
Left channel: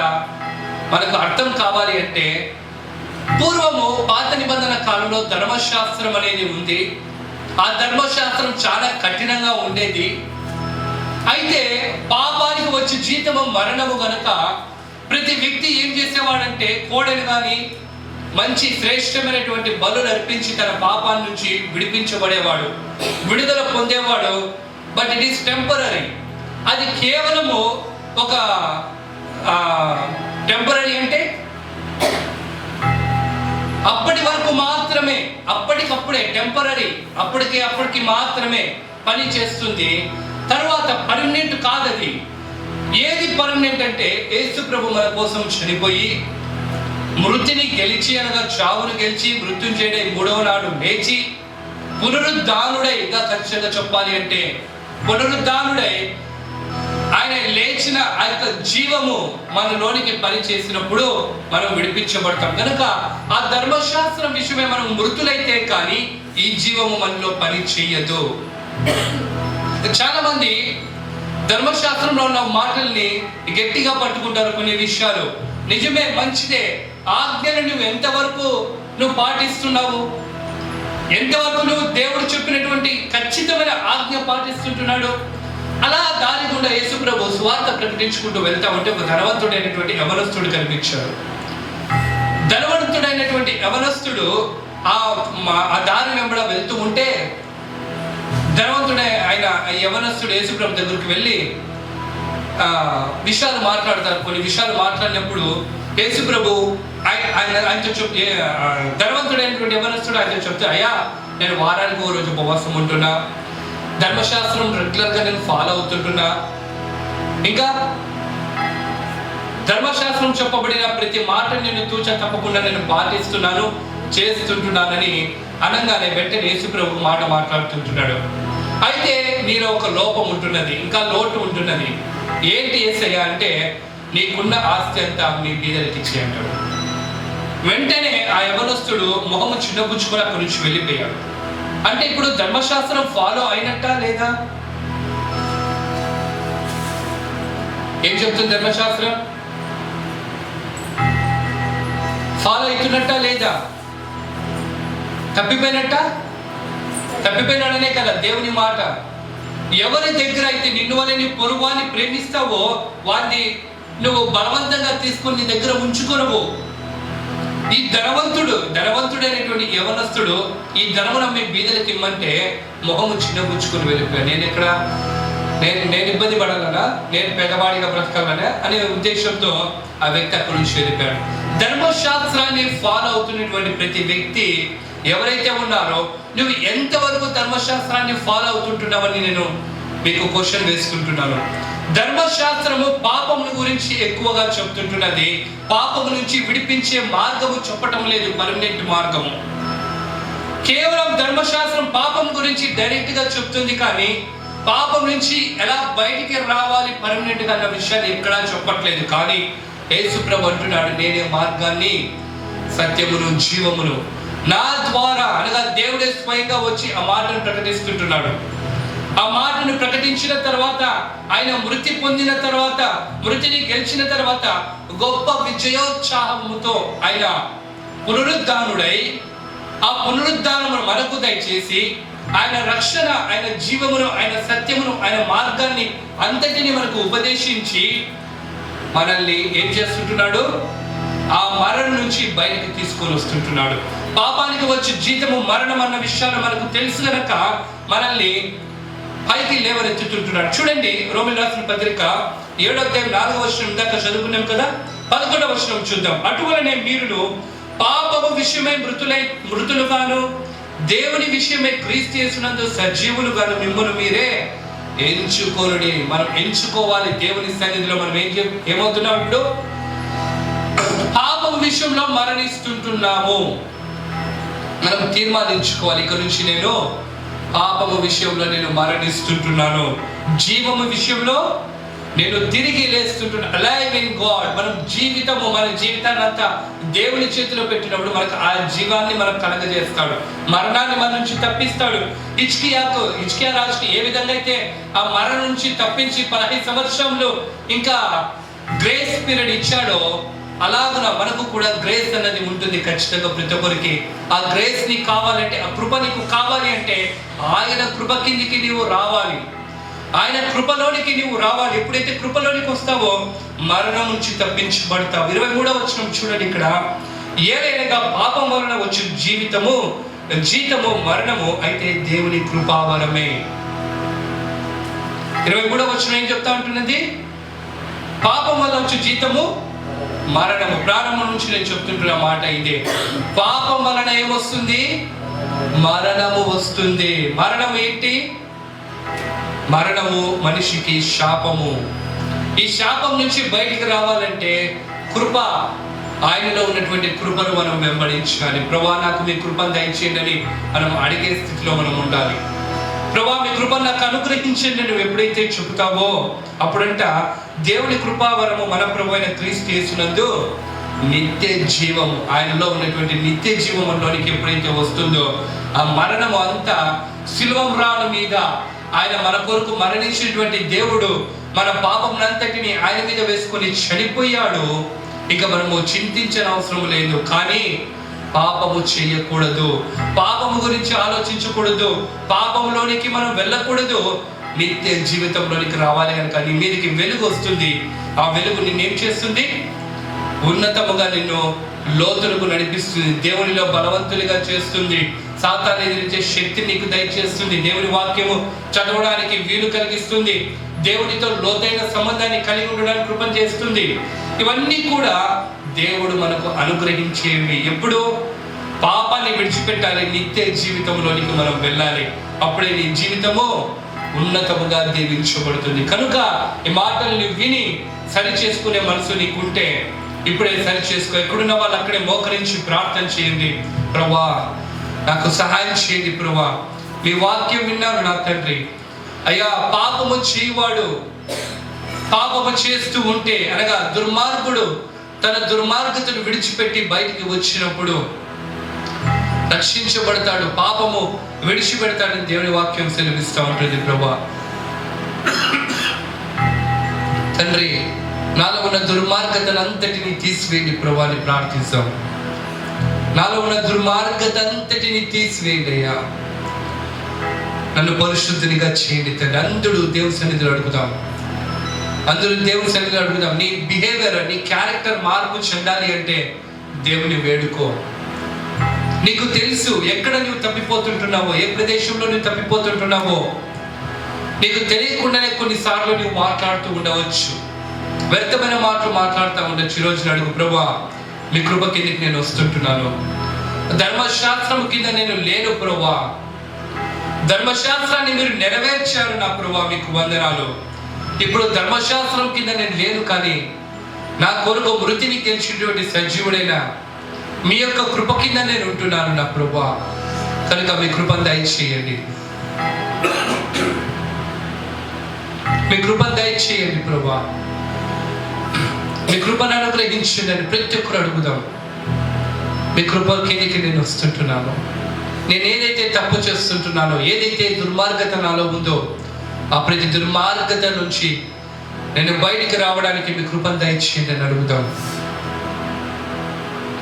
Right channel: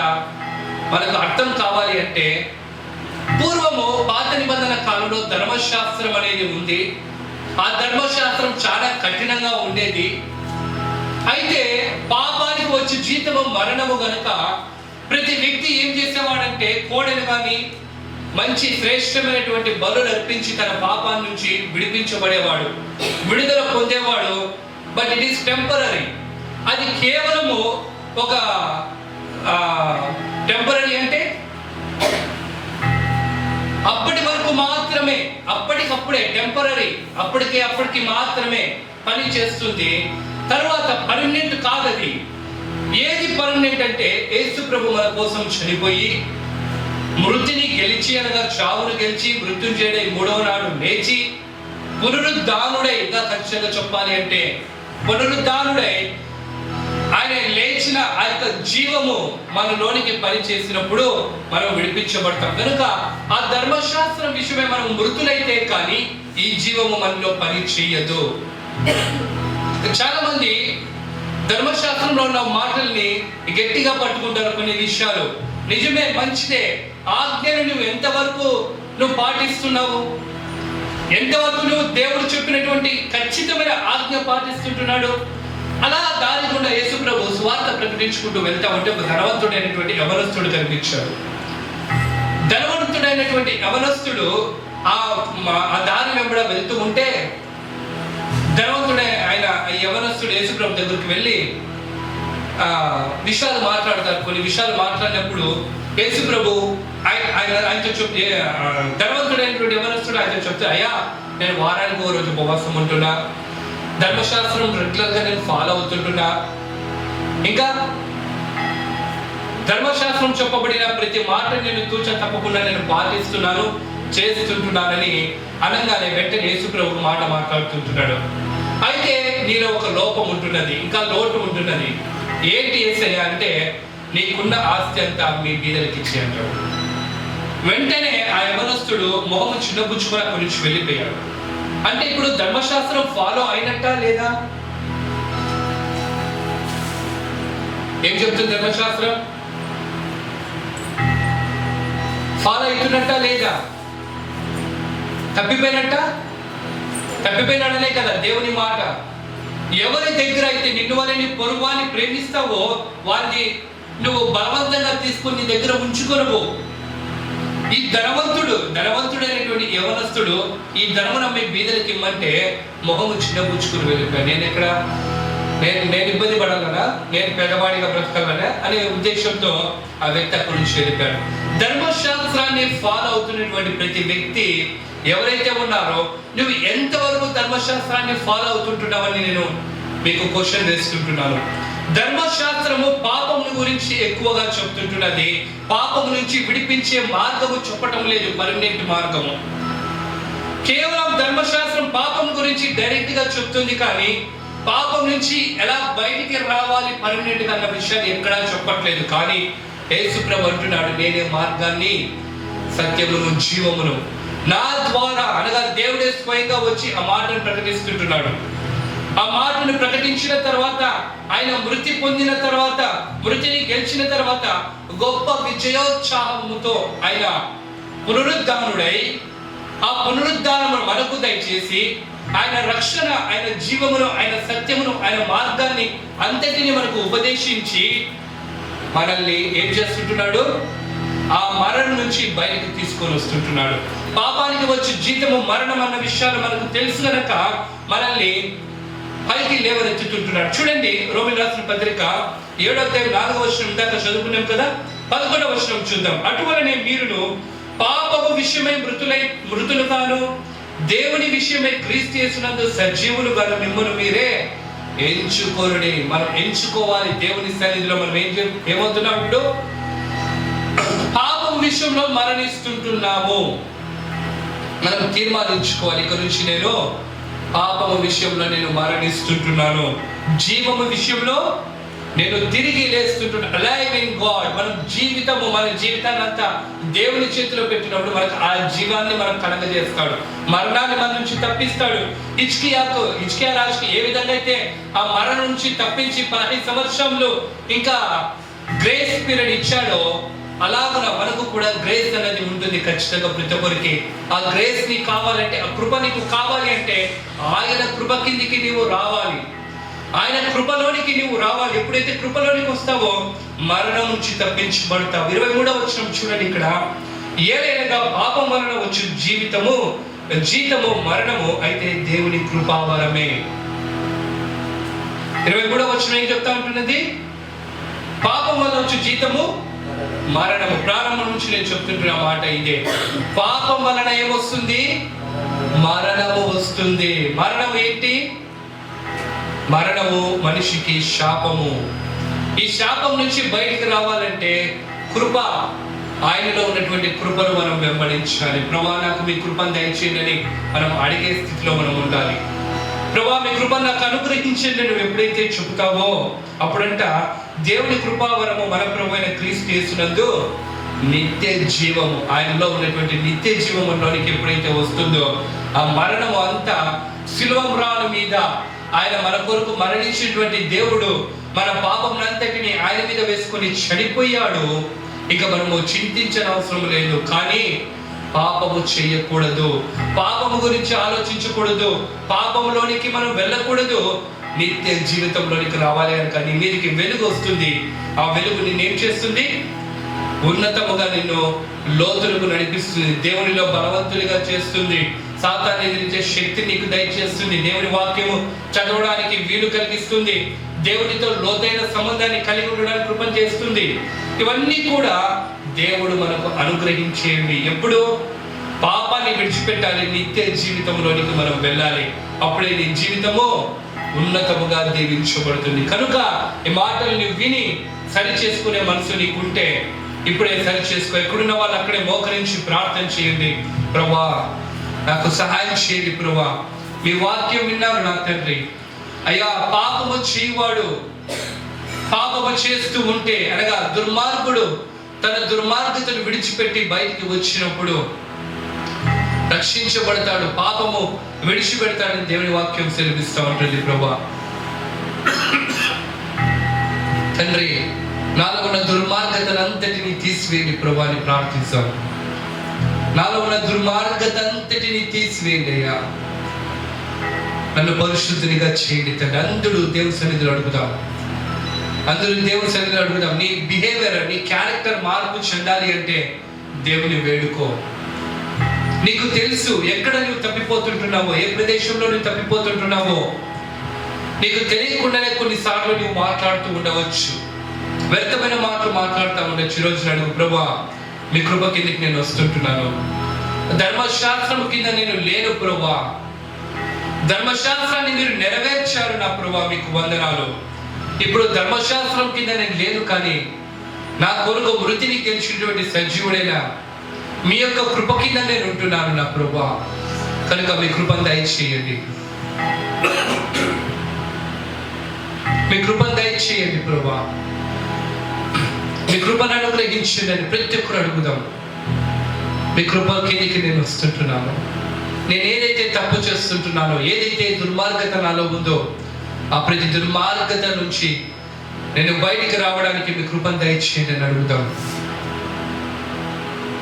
మనకు అర్థం కావాలి అంటే, పూర్వము పాత నిబంధన కాలంలో ధర్మశాస్త్రం అనేది ఉంది. ఆ ధర్మశాస్త్రం చాలా కఠినంగా ఉండేది. అయితే పాపానికి వచ్చి జీతము మరణము గనుక ప్రతి వ్యక్తి ఏం చేసేవాడంటే కోడెను కానీ మంచి శ్రేష్టమైనటువంటి బలులు అర్పించి తన పాపాన్ని నుంచి విడిపించబడేవాడు, విడుదల పొందేవాడు. But it is temporary. అది కేవలము ఒక టెంపరరీ అంటే అప్పటి వరకు మాత్రమే, అప్పటికప్పుడే టెంపరరీ, అప్పటికి మాత్రమే పని చేస్తుంది. తర్వాత పర్మనెంట్ కాదది. ఏది పర్మనెంట్ అంటే యేసు ప్రభు మన కోసం చనిపోయి మృతిని గెలిచి, అనగా చావును గెలిచి మృత్యుంజయుడై 3వ నాడు లేచి పునరుద్ధానుడై, ఇంకా ఖచ్చితంగా చెప్పాలి అంటే పునరుద్ధానుడై ఆయన లేచిన ఆ యొక్క జీవము మనలోనికి పని చేసినప్పుడు మనం విడిపించబడతాం. కనుక ఆ ధర్మశాస్త్రం విషయమే మనం మృతులైతే కానీ ఈ జీవము మనలో పని చేయదు. చాలా మంది ధర్మశాస్త్రంలో ఉన్న మాటల్ని గట్టిగా పట్టుకుంటారు. కొన్ని విషయాలు నిజమే, మంచిదే. ఆజ్ఞలు నువ్వు ఎంతవరకు నువ్వు పాటిస్తున్నావు? ఎంతవరకు నువ్వు దేవుడు చెప్పినటువంటి ఖచ్చితమైన ఆజ్ఞ పాటిస్తుంటున్నాడు? అలా దారి గుండా యేసు ప్రభు సువార్త ప్రకటించుకుంటూ వెళ్తా ఉంటే ఒక ధనవంతుడైనటువంటి యవనస్తుడు కనిపించాడు. ధనవంతుడైనటువంటి యవనస్తుడు ఆ దారి వెంబడ వెళ్తూ ఉంటే ధనవంతుడే ఆయన యవనస్తుడు యేసు ప్రభు దగ్గరికి వెళ్ళి విషయాలు మాట్లాడతారు. కొన్ని విషయాలు మాట్లాడినప్పుడు యేసు ప్రభు ఆయనతో చెప్తే, ధనవంతుడైనటువంటి యవనస్తుడు ఆయనతో చెప్తే, అయ్యా నేను వారానికి ఓ రోజు ఉపవాసం ఉంటున్నా, ధర్మశాస్త్రం రెగ్యులర్ గా నేను ఫాలో అవుతుంటున్నా, ఇంకా ధర్మశాస్త్రం చెప్పబడిన ప్రతి మాట నేను తూచ తప్పకుండా నేను పాటిస్తున్నాను, చేస్తుంటున్నానని అనగానే వెంటనే యేసు ప్రభు మాట మాట్లాడుతుంటున్నాడు. అయితే నీలో ఒక లోపం ఉంటున్నది, ఇంకా లోటు ఉంటున్నది. ఏంటి యేసయ్యా అంటే, నీకున్న ఆస్తి అంతా మీ బీదలకి ఇచ్చి అంటాడు. వెంటనే ఆ యవనస్తుడు మొహము చిన్నబుచ్చుకొని అక్కడి నుంచి వెళ్ళిపోయాడు. అంటే ఇప్పుడు ధర్మశాస్త్రం ఫాలో అయినట్టా లేదా? ఏం చెప్తుంది ధర్మశాస్త్రం? ఫాలో అవుతున్నట్టా లేదా? తప్పిపోయినాడనే కదా దేవుని మాట. ఎవరి దగ్గర అయితే నిన్ను వల్ల నీ పొరుగువాన్ని ప్రేమిస్తావో వారిని నువ్వు బలవంతంగా తీసుకొని నీ దగ్గర ఉంచుకొనవు. ఈ ధనవంతుడైనటువంటి యవనస్తుడు ఈ ధనమును అమ్మి బీదలకి ఇమ్మంటే మొహము చిన్నబుచ్చుకుని వెళ్ళిపోయా. నేను ఇబ్బంది పడాలనా, నేను పెద్దవాడిగా బ్రతకాలనా అనే ఉద్దేశంతో ఆ వ్యక్తి అక్కడి నుంచి వెళ్ళిపోయాడు. ధర్మశాస్త్రాన్ని ఫాలో అవుతున్నటువంటి ప్రతి వ్యక్తి ఎవరైతే ఉన్నారో, నువ్వు ఎంతవరకు ధర్మశాస్త్రాన్ని ఫాలో అవుతుంటున్నావని నేను మీకు క్వశ్చన్ వేసుకుంటున్నాను. ధర్మశాస్త్రము పాపమును గురించి ఎక్కువగా చెప్తుంటున్నది, పాపము నుంచి విడిపించే మార్గము చెప్పటం లేదు, పర్మనెంట్ మార్గము. కేవలం ధర్మశాస్త్రం పాపం గురించి డైరెక్ట్ గా చెప్తుంది, కానీ పాపం నుంచి ఎలా బయటికి రావాలి పర్మనెంట్ గా అన్న విషయాన్ని ఎక్కడా చెప్పట్లేదు. కానీ యేసు ప్రభు అంటున్నాడు, నేనే మార్గాన్ని, సత్యమును, జీవమును. నా ద్వారా అనగా దేవుడే స్వయంగా వచ్చి ఆ మాటను ప్రకటిస్తుంటున్నాడు. ఆ మాటను ప్రకటించిన తర్వాత, ఆయన మృతి పొందిన తర్వాత, మృతిని గెలిచిన తర్వాత గొప్ప విజయోత్సాహముతో ఆయన పునరుద్ధానుడై ఆ పునరుద్ధానము మనకు దయచేసి ఆయన రక్షణ, ఆయన జీవమును, ఆయన సత్యమును, ఆయన మార్గాన్ని అంతటిని మనకు ఉపదేశించి మనల్ని ఏం చేస్తుంటున్నాడు? ఆ మరణం నుంచి బయటకు తీసుకొని వస్తుంటున్నాడు. పాపానికి వచ్చి జీతము మరణం అన్న విషయాలు మనకు తెలుసు గనక మనల్ని పైకి లేవనెత్తుతుంటున్నాడు. చూడండి, రోమీయులకు రాసిన పత్రిక 7వ అధ్యాయం 4వ వచనం దాకా చదువుకున్నాం కదా. 11వ వచనం చూద్దాం. అటువలనే మీరును పాపము విషయమై మృతులుగాను, దేవుని విషయమై క్రీస్తు యేసునందు సజీవులుగాను మిమ్మల్ని మీరే ఎంచుకోరుడి. మనం ఎంచుకోవాలి దేవుని సన్నిధిలో. మనం ఏమవుతున్నాం? ఇప్పుడు పాపం విషయంలో మరణిస్తుంటున్నాము. మనం తీర్మానించుకోవాలి, ఇక నుంచి నేను పాపము విషయంలో నేను మరణిస్తుంటున్నాను, జీవము విషయంలో నేను తిరిగి లేస్తుంటున్నాను. Alive in God. మనం మన జీవితాన్ని అంతా దేవుని చేతిలో పెట్టినప్పుడు మనకు ఆ జీవాన్ని మనం కలగజేస్తాడు, మరణాన్ని మన నుంచి తప్పిస్తాడు. హిజ్కియా రాజుకి ఏ విధంగా అయితే ఆ మరణం నుంచి తప్పించి 15 సంవత్సరంలో ఇంకా గ్రేస్ పీరియడ్ ఇచ్చాడో, అలాగ మనకు కూడా గ్రేస్ అనేది ఉంటుంది ఖచ్చితంగా ప్రతి ఒక్కరికి. ఆ గ్రేస్ నీకు కావాలంటే, ఆ కృప నీకు కావాలి అంటే ఆయన కృప కిందికి నీవు రావాలి, ఆయన కృపలోనికి నీవు రావాలి. ఎప్పుడైతే కృపలోనికి వస్తావో మరణం నుంచి తప్పించబడతావు. 23వ వచనం చూడండి ఇక్కడ. ఏలైనగా పాపం వలన వచ్చే జీతము మరణము, అయితే దేవుని కృపావరమే. 23వ వచనం ఏం చెప్తా ఉంటున్నది? పాపం వలన వచ్చే జీతము మరణము. ప్రారంభం నుంచి నేను చెప్తుంటున్న మాట ఇదే. పాపం వలన ఏమొస్తుంది? మరణము వస్తుంది. మరణం ఏంటి? మరణము మనిషికి శాపము. ఈ శాపం నుంచి బయటికి రావాలంటే కృప, ఆయనలో ఉన్నటువంటి కృపను మనం వెంబడించాలి. ప్రభువా నాకు మీ కృపను దయచేయండి మనం అడిగే స్థితిలో మనం ఉండాలి. ప్రభువా మీ కృపను నాకు అనుగ్రహించండి నువ్వు ఎప్పుడైతే చెబుతావో అప్పుడంట దేవుని కృపావరము మన ప్రభు అయిన క్రీస్తు యేసునందు నిత్య జీవము, ఆయనలో ఉన్నటువంటి నిత్య జీవములోనికి ఎప్పుడైతే వస్తుందో ఆ మరణము అంతా శిలువ మ్రాను మీద ఆయన మన కొరకు మరణించినటువంటి దేవుడు మన పాపమునంతటిని ఆయన మీద వేసుకొని చనిపోయాడు. ఇక మనము చింతించిన అవసరం లేదు. కానీ పాపము చేయకూడదు, పాపము గురించి ఆలోచించకూడదు, పాపంలోనికి మనం వెళ్ళకూడదు. నిత్య జీవితంలోనికి రావాలి కనుక నీ మీదకి వెలుగు వస్తుంది. ఆ వెలుగు నిన్నేం చేస్తుంది? ఉన్నతముగా నిన్ను లోతులకు నడిపిస్తుంది, దేవునిలో బలవంతులుగా చేస్తుంది, సాతాను ఎదిరించే శక్తి నీకు దయచేస్తుంది, దేవుని వాక్యము చదవడానికి వీలు కలిగిస్తుంది, దేవునితో లోతైన సంబంధాన్ని కలిగి ఉండడానికి కృపణ చేస్తుంది. ఇవన్నీ కూడా దేవుడు మనకు అనుగ్రహించేవి. ఎప్పుడు పాపాన్ని విడిచిపెట్టాలి, నిత్య జీవితంలోనికి మనం వెళ్ళాలి. అప్పుడే నీ జీవితము ఉన్నతముగా దీవించబడుతుంది. కనుక ఈ మాటలను విని సరి చేసుకునే మనసు నీకుంటే ఇప్పుడే సరి చేసుకో. ఎక్కడున్న వాళ్ళు అక్కడే మోకరించి ప్రార్థన చేయండి. ప్రభువా నాకు సహాయం చేయండి ప్రభువా, మీ వాక్యం విన్నారు నా తండ్రి. అయ్యా పాపము చేయవాడు పాపము చేస్తూ ఉంటే, అనగా దుర్మార్గుడు తన దుర్మార్గతను విడిచిపెట్టి బయటికి వచ్చినప్పుడు రక్షించబడతాడు, పాపము విడిచిపెడతాడని దేవుని వాక్యం సెలవిస్తూ ఉంటుంది. ప్రభువా తండ్రి, నాలో ఉన్న దుర్మార్గతను అంతటిని తీసివేయండి ప్రభువా అని ప్రార్థిస్తాం. నాలో ఉన్న దుర్మార్గత అంతటిని తీసివేయండి అయ్యా, నన్ను పరిశుద్ధినిగా చేయండి తండ్రి. అందరూ దేవుని సన్నిధిలో అడుగుదాం, అందరూ దేవుని సన్నిధిలో అడుగుదాం. నీ బిహేవియర్, నీ క్యారెక్టర్ మార్పు చెందాలి అంటే దేవుని వేడుకో. నీకు తెలుసు ఎక్కడ నువ్వు తప్పిపోతుంటున్నావో, ఏ ప్రదేశంలో నువ్వు తప్పిపోతుంటున్నావో. నీకు తెలియకుండానే కొన్నిసార్లు నువ్వు మాట్లాడుతూ ఉండవచ్చు, వ్యర్థమైన మాటలు మాట్లాడుతూ ఉండొచ్చు. ఈరోజు అడుగు, ప్రభువా మీ కృప కిందకి నేను వస్తుంటున్నాను, ధర్మశాస్త్రం కింద నేను లేను ప్రభువా, ధర్మశాస్త్రాన్ని మీరు నెరవేర్చారు నా ప్రభువా, మీకు వందనాలు. ఇప్పుడు ధర్మశాస్త్రం కింద నేను లేను, కానీ నా కొరకు మృతిని గెలిచినటువంటి సజీవుడైన మీ యొక్క కృప కింద నేను ఉంటున్నాను నా ప్రభువా. కనుక మీ కృపను దయచేయండి, మీ కృపను దయచేయండి ప్రభువా, మీ కృపను అనుగ్రహించండి అని ప్రతి ఒక్కరు అడుగుదాం. మీ కృప కిందికి నేను వస్తుంటున్నాను, నేను ఏదైతే తప్పు చేస్తుంటున్నానో, ఏదైతే దుర్మార్గత నాలో ఉందో, ఆ ప్రతి దుర్మార్గత నుంచి నేను బయటికి రావడానికి మీ కృపను దయచేయండి అని అడుగుదాం.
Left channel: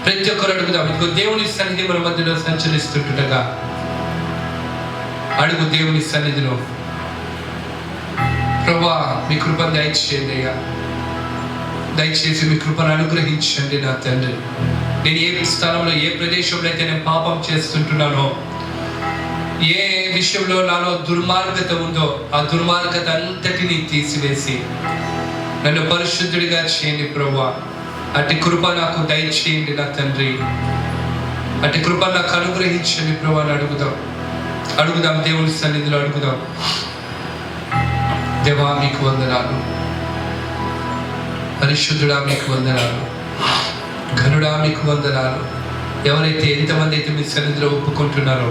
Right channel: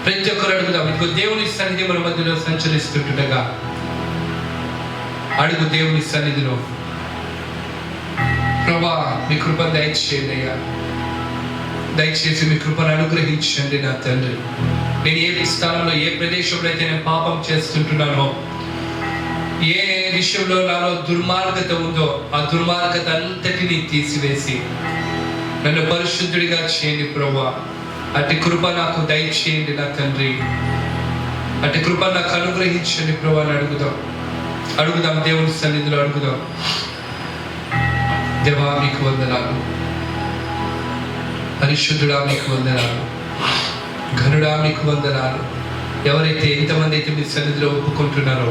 ప్రతి ఒక్కరు అడుగుదాం. ఇప్పుడు దేవుని సన్నిధి మన మధ్యలో సంచరిస్తుంటుండగా అడుగు దేవుని సన్నిధిలో, ప్రభువా మీ కృపను దయచేయండి అయ్యా, దయచేసి మీ కృపను అనుగ్రహించండి నా తండ్రి. నేను ఏ స్థలంలో, ఏ ప్రదేశంలో అయితే నేను పాపం చేస్తుంటున్నానో, ఏ విషయంలో నాలో దుర్మార్గత ఉందో, ఆ దుర్మార్గత అంతటినీ తీసివేసి నన్ను పరిశుద్ధుడిగా చేయండి ప్రభువా. అటు కృప నాకు దయచేయండి నా తండ్రి, అటు కృప నాకు అనుగ్రహించండి ప్రభువా అని అడుగుదాం దేవుని సన్నిధిలో అడుగుదాం. దేవా మీకు వందనాలు, పరిశుద్ధుడా మీకు వందనాలు, ఘనుడా మీకు వందనాలు. ఎవరైతే ఎంతమంది అయితే మీ సన్నిధిలో ఒప్పుకుంటున్నారో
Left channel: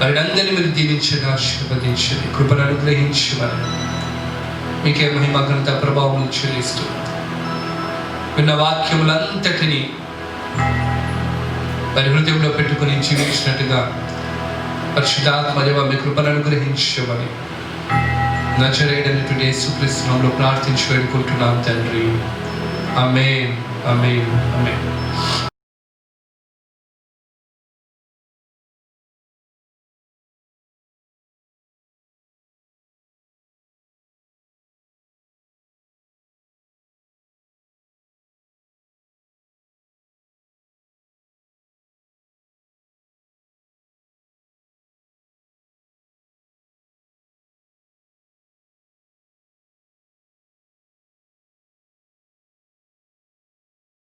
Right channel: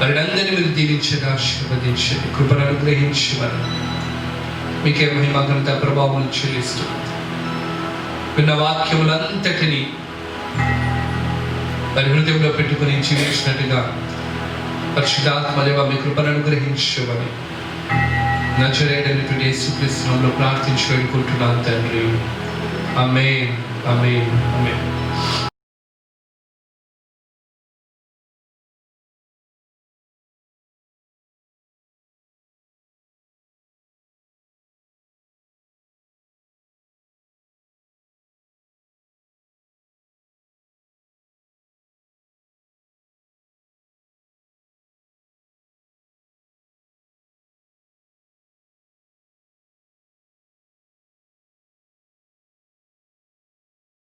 వారిని అందరినీ మీరు దీవించండి, ఆశీర్వదించండి, కృపను అనుగ్రహించమని మీకే మహిమ ఘనత ప్రభావం చెల్లిస్తూ విన్న వాక్యములంతటినీ వారి హృదయంలో పెట్టుకుని జీవించినట్టుగా పరిశుద్ధాత్మ దేవా మీ కృపను అనుగ్రహించమని నజరేయుడైనటువంటి యేసుక్రీస్తు నామములో ప్రార్థించి వేడుకుంటున్నాను తండ్రి. ఆమేన్, ఆమేన్, ఆమేన్.